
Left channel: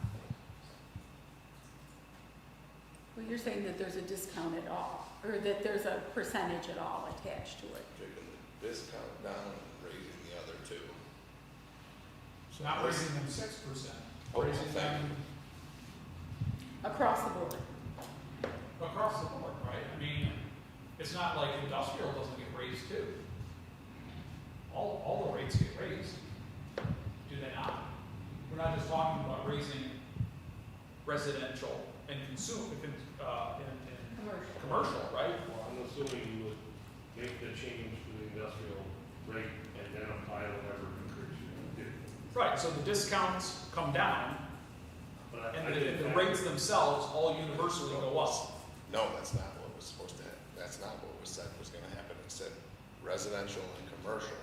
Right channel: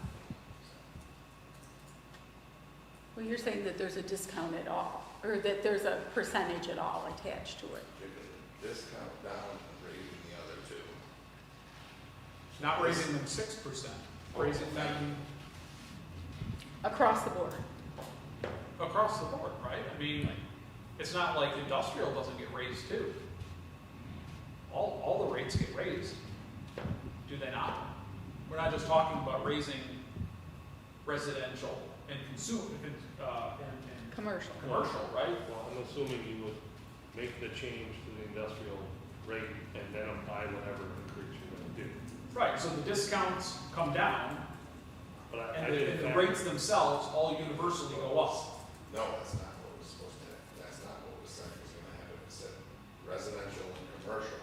Well, you're saying that there's a discount at all, or that there's a percentage at all attached to it. Taking the discount down and raising the other two. So Not this- raising them 6%, Oh, raising thank them Across the board. across the board, right? I mean, it's not like industrial doesn't get raised too. All the rates get raised, do they not? We're not just talking about raising residential and commercial, right? Well, I'm assuming you would make the change to the industrial rate and then apply whatever increase you're gonna do. Right, so the discounts come down, But I and didn't the factor- rates themselves all universally go up. No, that's not what was supposed to happen. That's not what was said was gonna happen. It said residential and commercial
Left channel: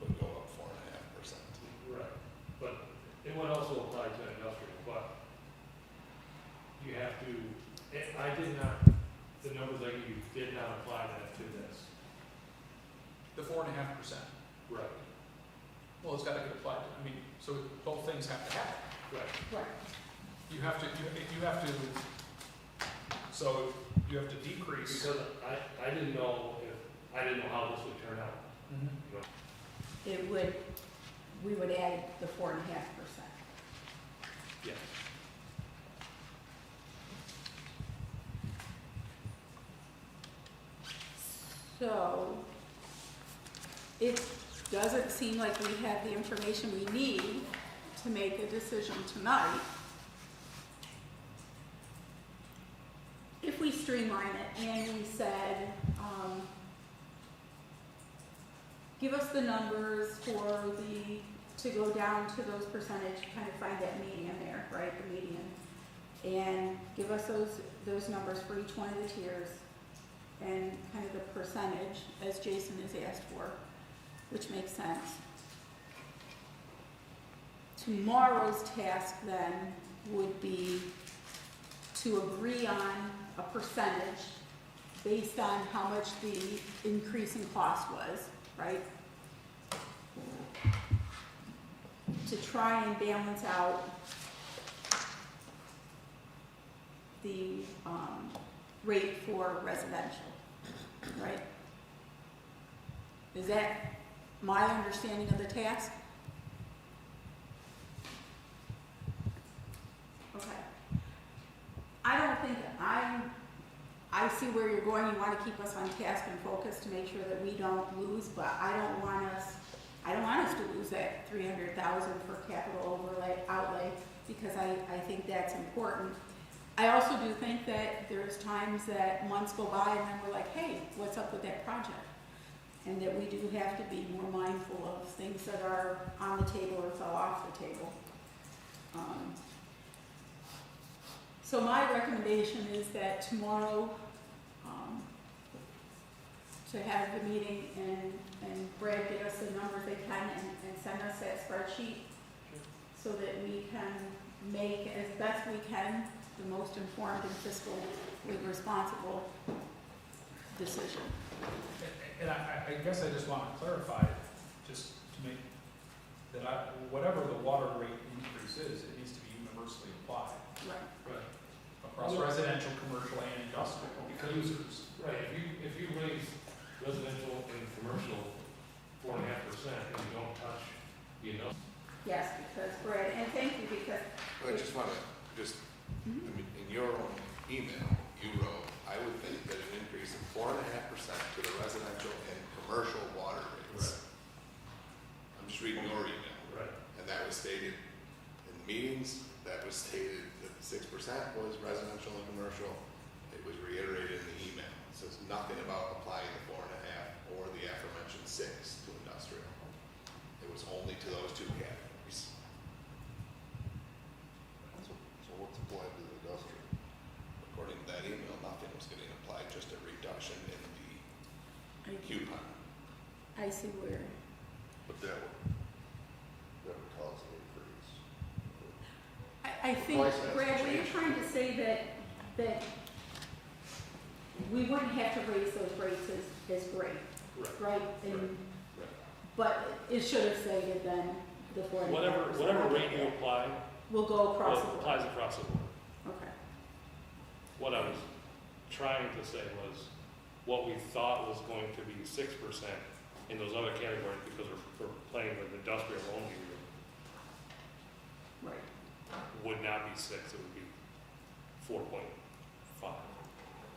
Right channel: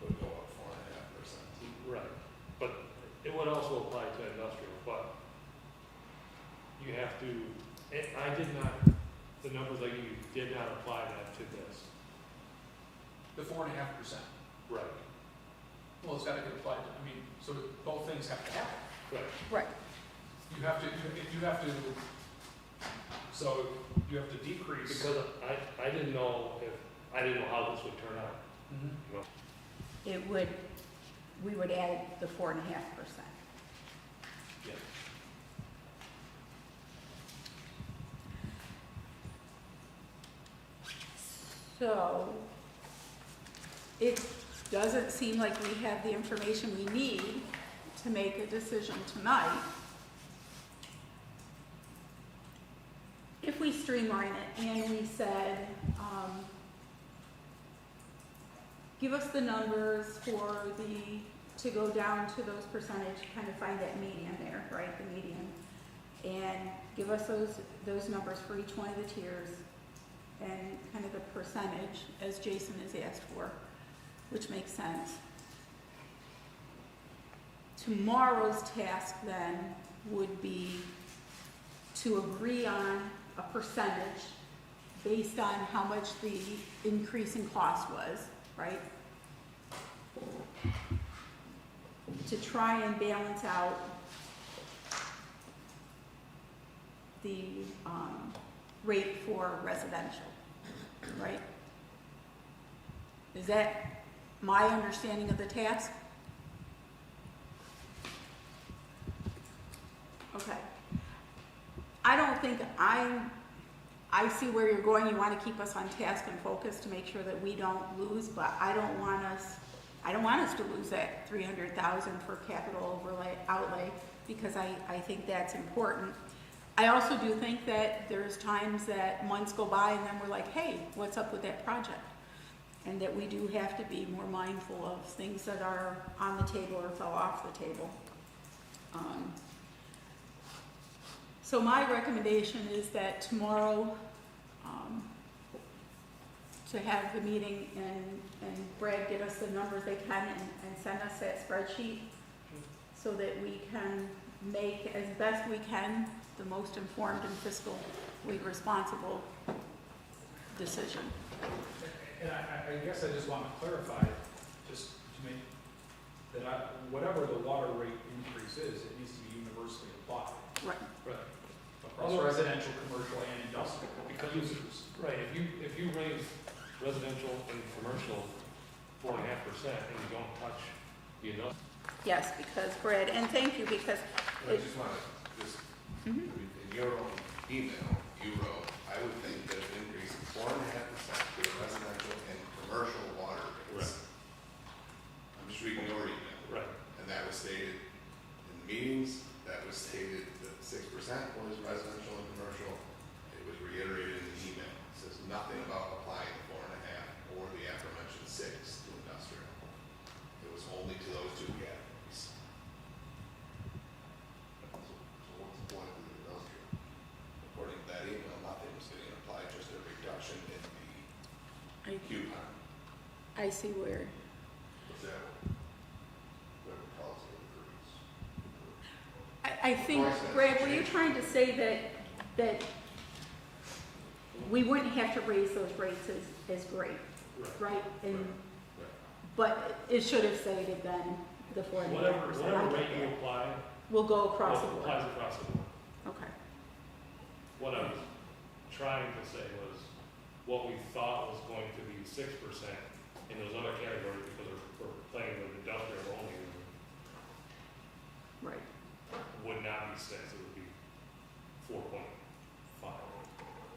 would go up 4.5%. Right, but it would also apply to industrial, but you have to, I did not, the numbers I gave you did not apply that to this. The 4.5%. Right. Well, it's gotta get applied to, I mean, so both things have to happen. Right. Right. You have to decrease. Because I didn't know how this would turn out. Mhm. You know? We would add the 4.5%. Yes. So, it doesn't seem like we have the information we need to make a decision tonight. If we streamline it and we said, give us the numbers for to go down to those percentage, kind of find that median there, right, the median. And give us those numbers for each one of the tiers and kind of the percentage, as Jason has asked for, which makes sense. Tomorrow's task then would be to agree on a percentage based on how much the increase in cost was, right? To try and balance out the, rate for residential, right? Is that my understanding of the task? Okay. I don't think I see where you're going. You want to keep us on task and focused to make sure that we don't lose, but I don't want us to lose that 300,000 for capital outlay, because I think that's important. I also do think that there's times that months go by and then we're like, hey, what's up with that project? And that we do have to be more mindful of things that are on the table or fell off the table. So my recommendation is that tomorrow, to have the meeting and Brad get us the numbers they can and send us that spreadsheet so that we can make, as best we can, the most informed and fiscally responsible decision. And I guess I just want to clarify, just to make, whatever the water rate increase is, it needs to be universally applied Right. across residential, commercial, and industrial users. Right, if you raise residential and commercial 4.5% and you don't touch the industrial. Yes, because Brad, and thank you, because. I just wanna, I mean, in your own email, you wrote, I would think that an increase of 4.5% to the residential and commercial water rates. I'm just reading your email. Right. And that was stated in the meetings, that was stated that 6% was residential and commercial. It was reiterated in the email. It says nothing about applying the 4.5 or the aforementioned 6 to industrial. It was only to those two categories. So what's applied to the industrial? According to that email, nothing was getting applied, just a reduction in the coupon. I see where. But that would cause an increase. I think, price hasn't Brad, what you're changed. trying to say that we wouldn't have to raise those rates is great, right? And, Right. but it should have stated then the 4.5%. Whatever rate you apply, will go across the board. applies across the board. Okay. What I was trying to say was, what we thought was going to be 6% in those other categories, because we're playing with industrial only, Right. would not be 6, it would be 4.5.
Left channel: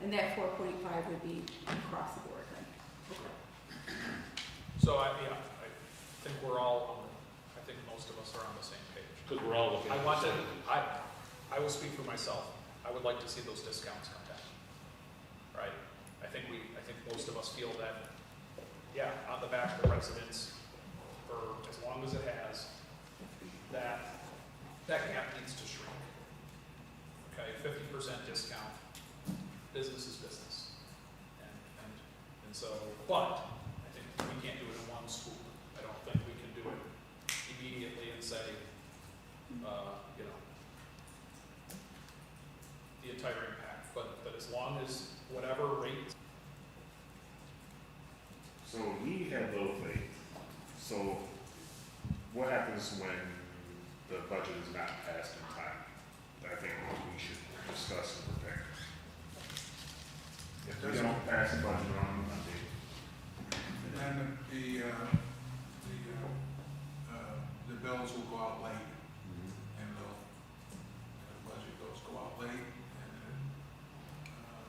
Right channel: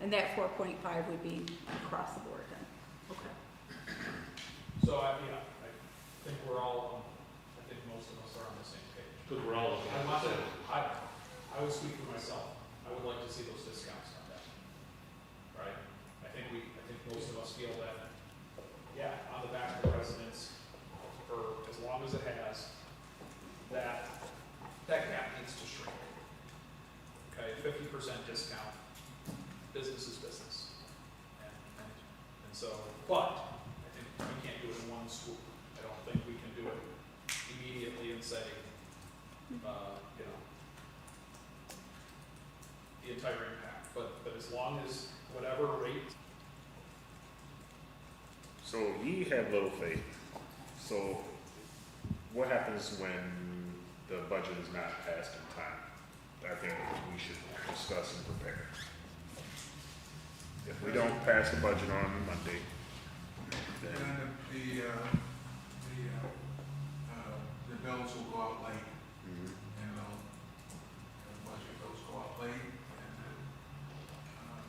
And that 4.5 would be across the board then. Okay. So I think we're all, I think most of us are on the same page. Because we're all looking I at want to, percentages. I will speak for myself. I would like to see those discounts come down. Right? I think most of us feel that, yeah, on the back of the residents, for as long as it has, that gap needs to shrink. Okay, 50% discount, business is business. And so, but I think we can't do it in one swoop. I don't think we can do it immediately and say, the entire impact, but as long as whatever rate. So ye had little faith. So what happens when the budget is not passed in time? I think we should discuss and prepare. If we don't pass the budget on Monday, Then the bills will go out late, and the budget bills go out late, and then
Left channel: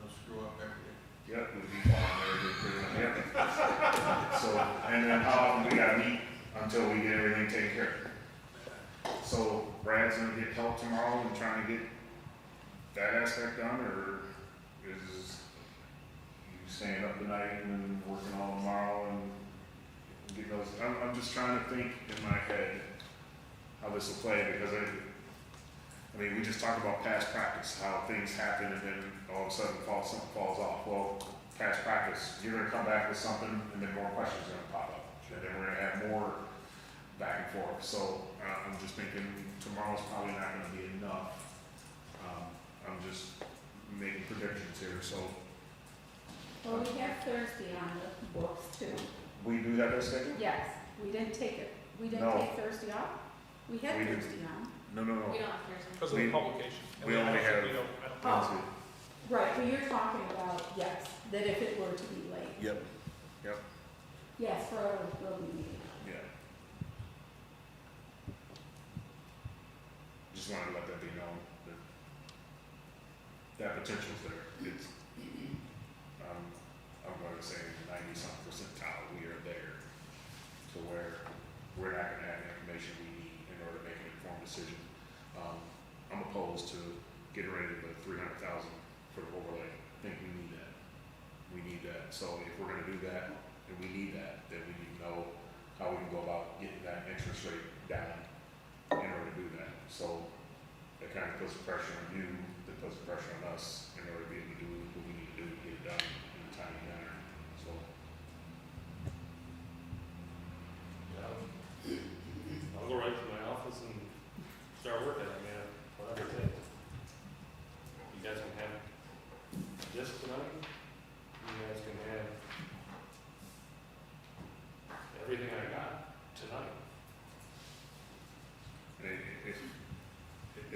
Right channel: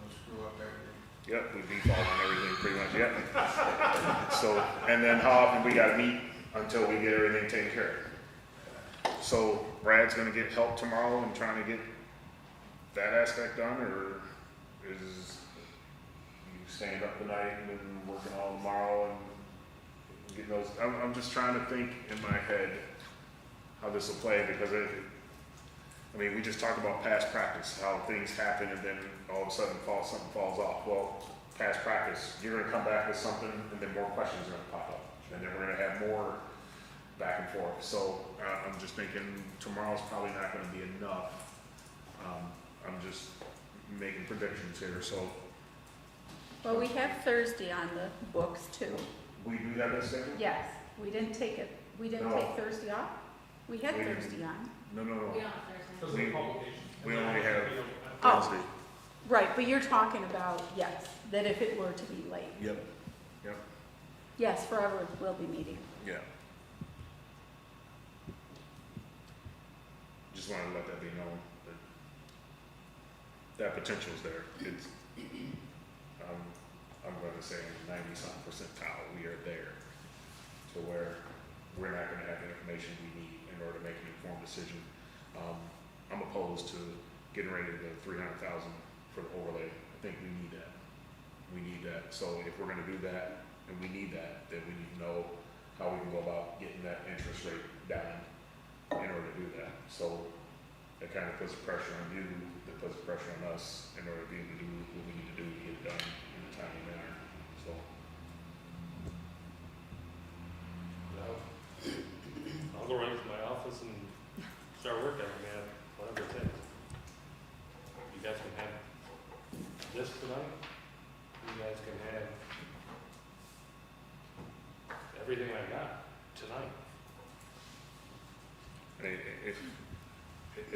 they'll screw up everything. yep, we've been following everything pretty much, yeah. So, and then how often we gotta meet until we get everything taken care of? So Brad's gonna get help tomorrow in trying to get that aspect done, or is you staying up tonight and working all tomorrow and getting those? I'm just trying to think in my head how this will play, because I mean, we just talked about past practice, how things happen and then all of a sudden something falls off. Well, past practice, you're gonna come back with something and then more questions are gonna pop up. And then we're gonna have more back and forth. So I'm just thinking tomorrow's probably not gonna be enough. I'm just making predictions here, so. Well, we have Thursday on the books too. We do have that scheduled? Yes, we didn't take No. take Thursday off? We had We didn't. Thursday on. No. We don't have Thursday. Because of the publication. we And only I don't have- think Oh. Wednesday. Right, but you're talking about, yes, that if it were to be late. Yep, Yes, forever will be meeting. yeah. Just wanted to let that be known, that that potential's there. It's, I'm gonna say 90-something percentile, we are there. To where we're not gonna have the information we need in order to make an informed decision. I'm opposed to getting rid of the 300,000 for the overlay. I think we need that. We need that. So if we're gonna do that, and we need that, then we need to know how we can go about getting that interest rate down in order to do that. So it kind of puts pressure on you, that puts pressure on us in order to be able to do what we need to do to get it done in a timely manner. So, I'll go right to my office and start working. I mean, whatever it takes. You guys can have this tonight. You guys can have everything I got tonight.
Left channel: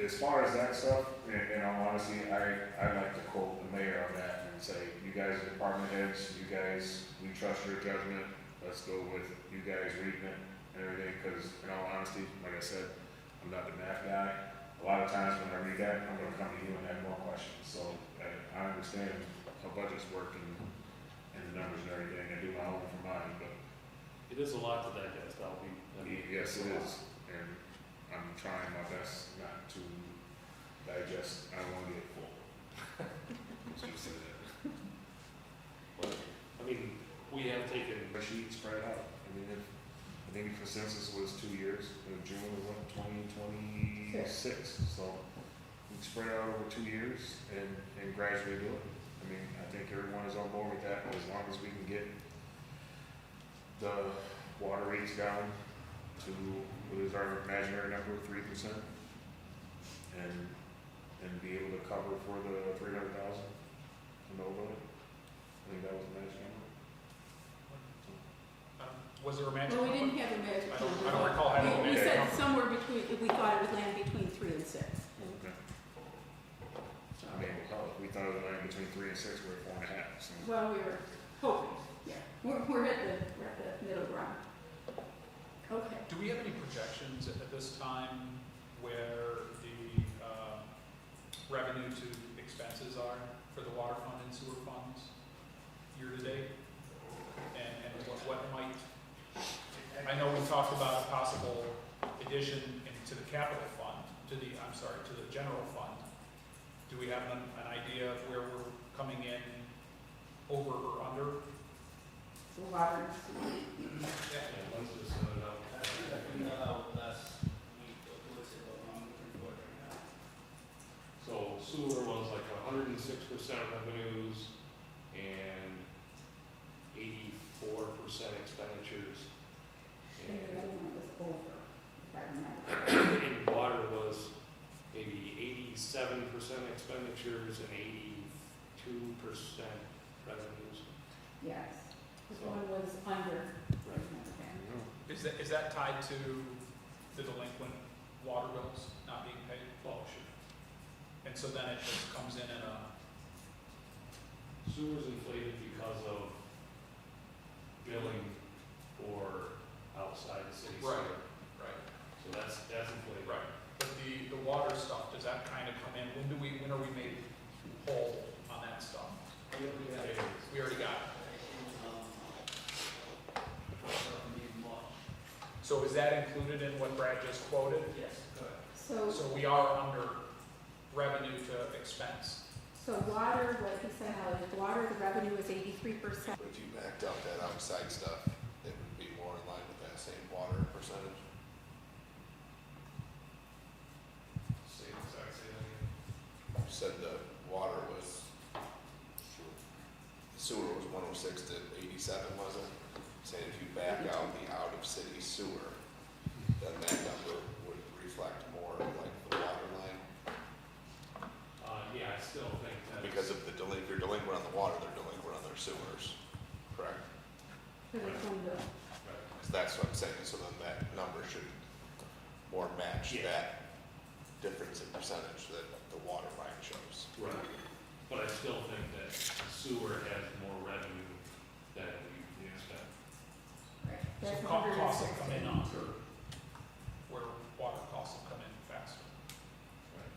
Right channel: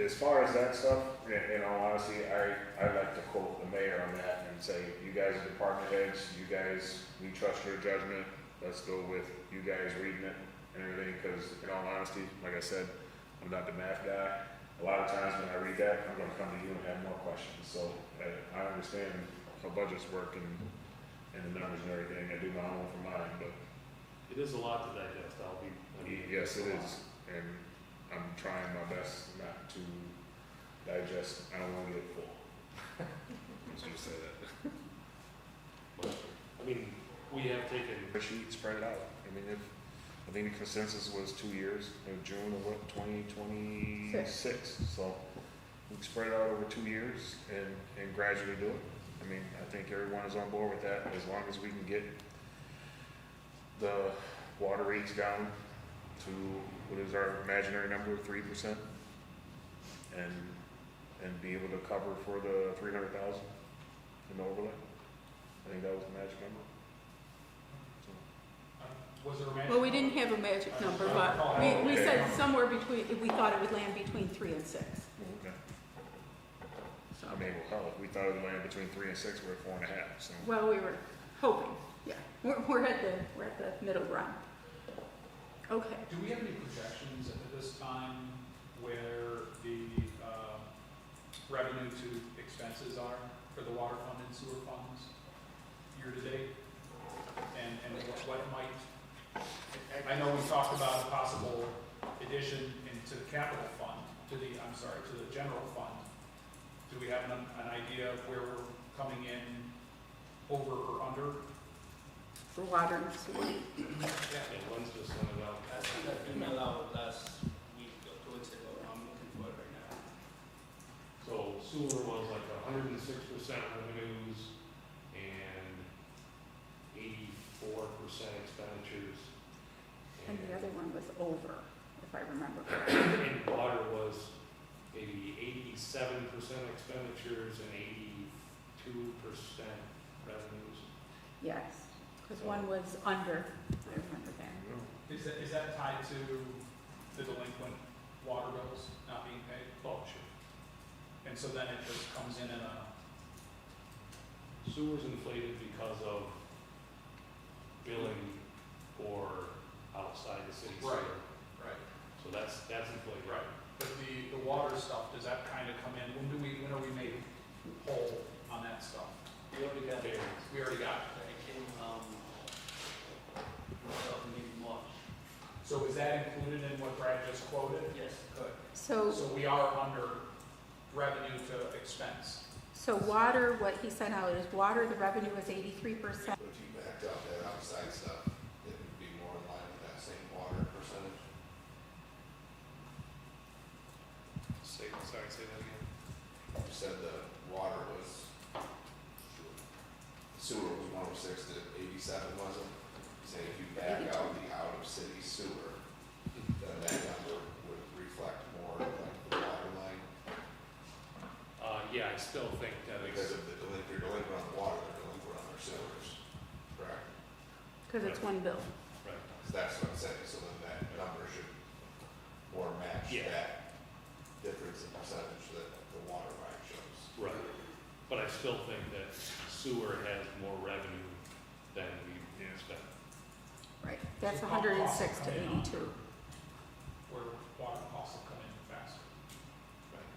as far as that stuff, in all honesty, I like to quote the mayor on that and say, you guys are department heads, you guys, we trust your judgment, let's go with you guys reading it and everything, because in all honesty, like I said, I'm not the math guy. A lot of times when I read that, I'm gonna come to you and have more questions, so I understand how budgets work and the numbers and everything, I do my own for mine, but. It is a lot to digest, Yes, it is, and I'm trying my best not to digest, I don't wanna get full. Let's just say that. But, I mean, we have taken, The sheet spread it out, I mean, I think the consensus was 2 years, in June of what, 2026, so we spread it out over 2 years and gradually do it. I mean, I think everyone is on board with that, as long as we can get the water rates down to, what is our imaginary number, 3%? And be able to cover for the 300,000 in the overlay. I think that was the magic number. Was there a magic? Well, we number? didn't have a magic I don't number, recall but having a we magic said number. somewhere between, we thought it would land between 3 and 6. Okay. So, I mean, well, hell, if we thought it would land between 3 and 6, we're at 4.5, so. well, we were hoping, yeah. We're at the middle ground. Okay. Do we have any projections at this time where the revenue to expenses are for the water fund and sewer funds year to date? And what might, I know we talked about a possible addition into the capital fund, to the general fund. Do we have an idea of where we're coming in over or under? For water and sewer. Yeah. Lynn's just sent it out. I think I figured that out last week or 2 weeks ago. I'm looking for it right now. So sewer was like 106% revenues and 84% expenditures. And the other one was over, if I remember correctly. And water was maybe 87% expenditures and 82% revenues. Yes, because one was under, I remember that. Is that tied to the delinquent water bills not being paid? Oh, sure. And so then it just comes in a, Sewer's inflated because of billing for outside the city Right. sewer. right, So that's inflated. right. But the water stuff, does that kind of come in? When are we made whole on that stuff? We already got it. We already got it. Maybe March. So is that included in what Brad just quoted? Yes, correct. So We are under revenue to expense. water, what he sent out is water, the revenue is 83%. If you backed out that outside stuff, it would be more in line with that same water percentage. Say that again. You said the water was, sewer was 106 to 87, was it? Saying if you back out the out-of-city sewer, then that number would reflect more like the water line. Yeah, I still think that Because if they're delinquent on the water, they're delinquent on their sewers, correct? Because it's one bill. right. Because that's what I'm saying, so then that number should more match Yeah. that difference in percentage that the water line shows. Right. sewer has more revenue than we spend. Right. That's So $160 costs have come in into. under where water costs have come in faster. Right.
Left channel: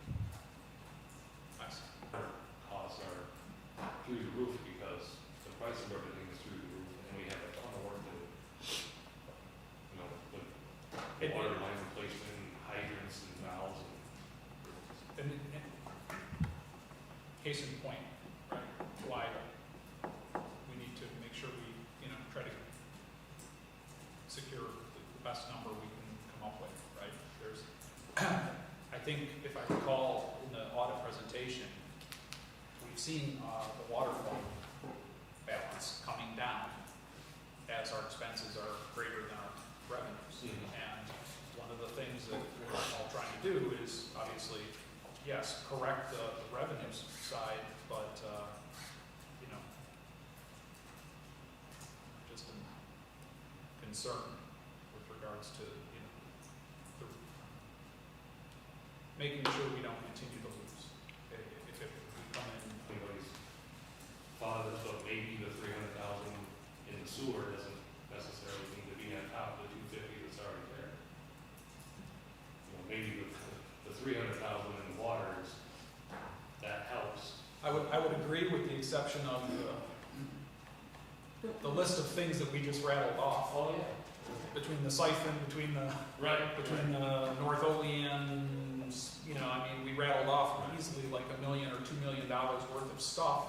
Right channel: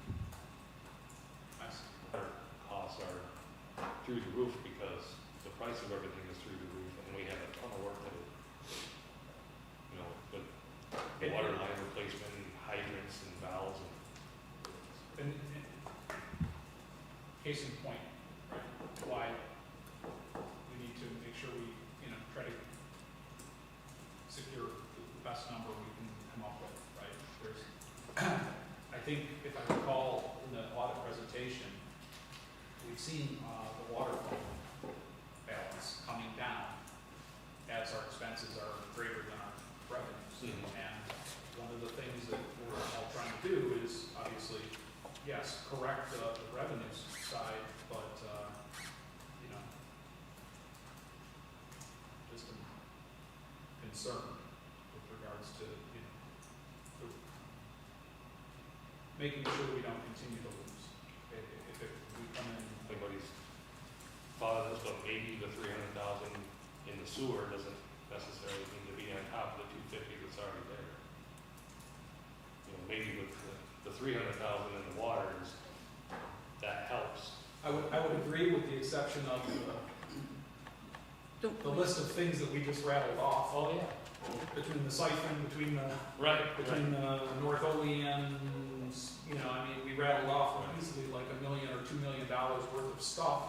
I see. Our costs are through the roof because the price of everything is through the roof, and we have a ton of work to do. You know, with water line replacement, and hydrants and valves and. And case in point, right, why we need to make sure we, you know, try to secure the best number we can come up with, right? There's, I think if I recall in the audit presentation, we've seen the water fund balance coming down as our expenses are greater than our revenues. Mhm. And one of the things that we're all trying to do is obviously, yes, correct the revenues side, but, you know, just am concerned with regards to, you know, making sure we don't continue to lose. If we come in, Anybody's thought of this, but maybe the 300,000 in the sewer doesn't necessarily need to be on top of the 250 that's already there. You know, maybe with the 300,000 in the water is, that helps. I would agree with the exception of the list of things that we just rattled off. Oh, yeah. Between the siphon, between the between the North Olean, you know, I mean, we rattled off easily like $1 million or $2 million worth of stuff.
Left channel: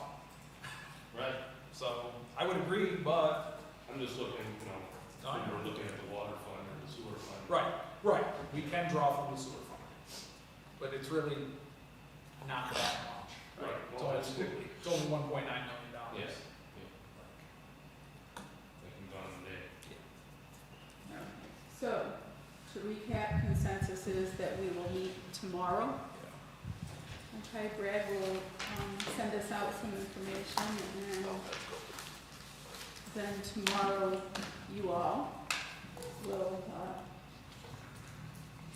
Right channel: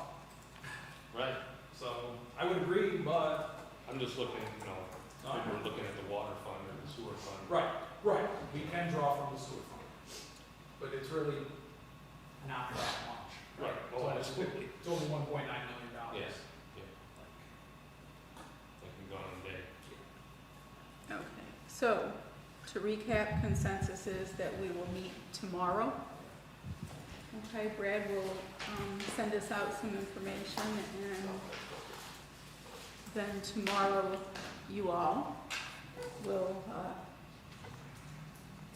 Right. So I would agree, but I'm just looking, you know, if we're looking at the water fund or the sewer fund. right, we can draw from the sewer fund, but it's really not that much. Right. It's Well, only- absolutely. It's only $1.9 million. Yes. Like, Like we've gone in the day. Okay, so to recap, consensus is that we will meet tomorrow. Okay, Brad will send us out some information, and then tomorrow you all will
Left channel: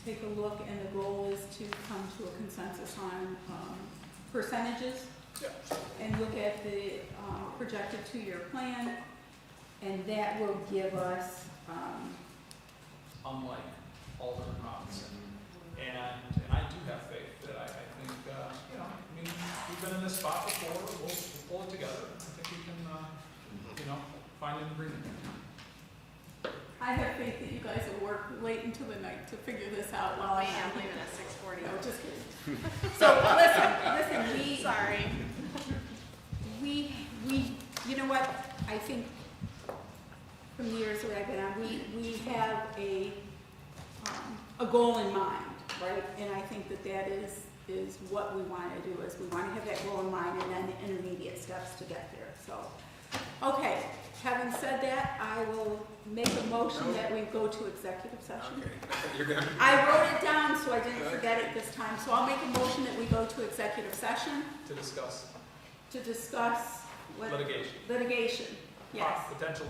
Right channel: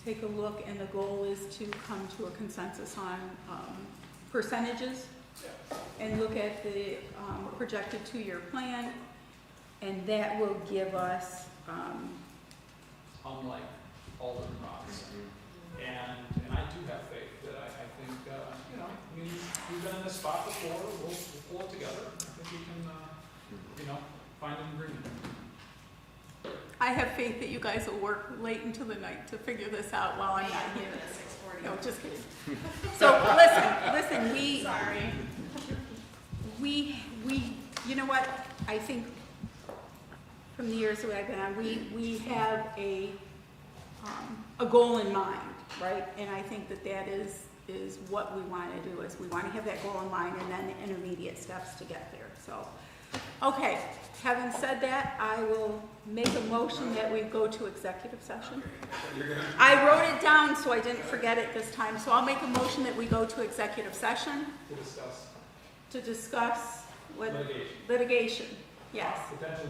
take a look, and the goal is to come to a consensus on percentages and look at the projected 2-year plan, and that will give us unlike Alderman Robinson. And I do have faith that I think, you know, I mean, we've been in this spot before, we'll pull it together. I think we can, you know, find an agreement. I have faith that you guys will work late into the night to figure this out while I'm not here. No, just kidding. So listen, we, you know what, I think from the years that I've been on, we have a goal in mind, right? And I think that is what we want to do, is we want to have that goal in mind and then the intermediate steps to get there, so. Okay, having said that, I will make a motion that we go to executive session. I wrote it down so I didn't forget it this time, so I'll make a motion that we go to executive session To discuss to discuss what? litigation. Litigation, yes. Potential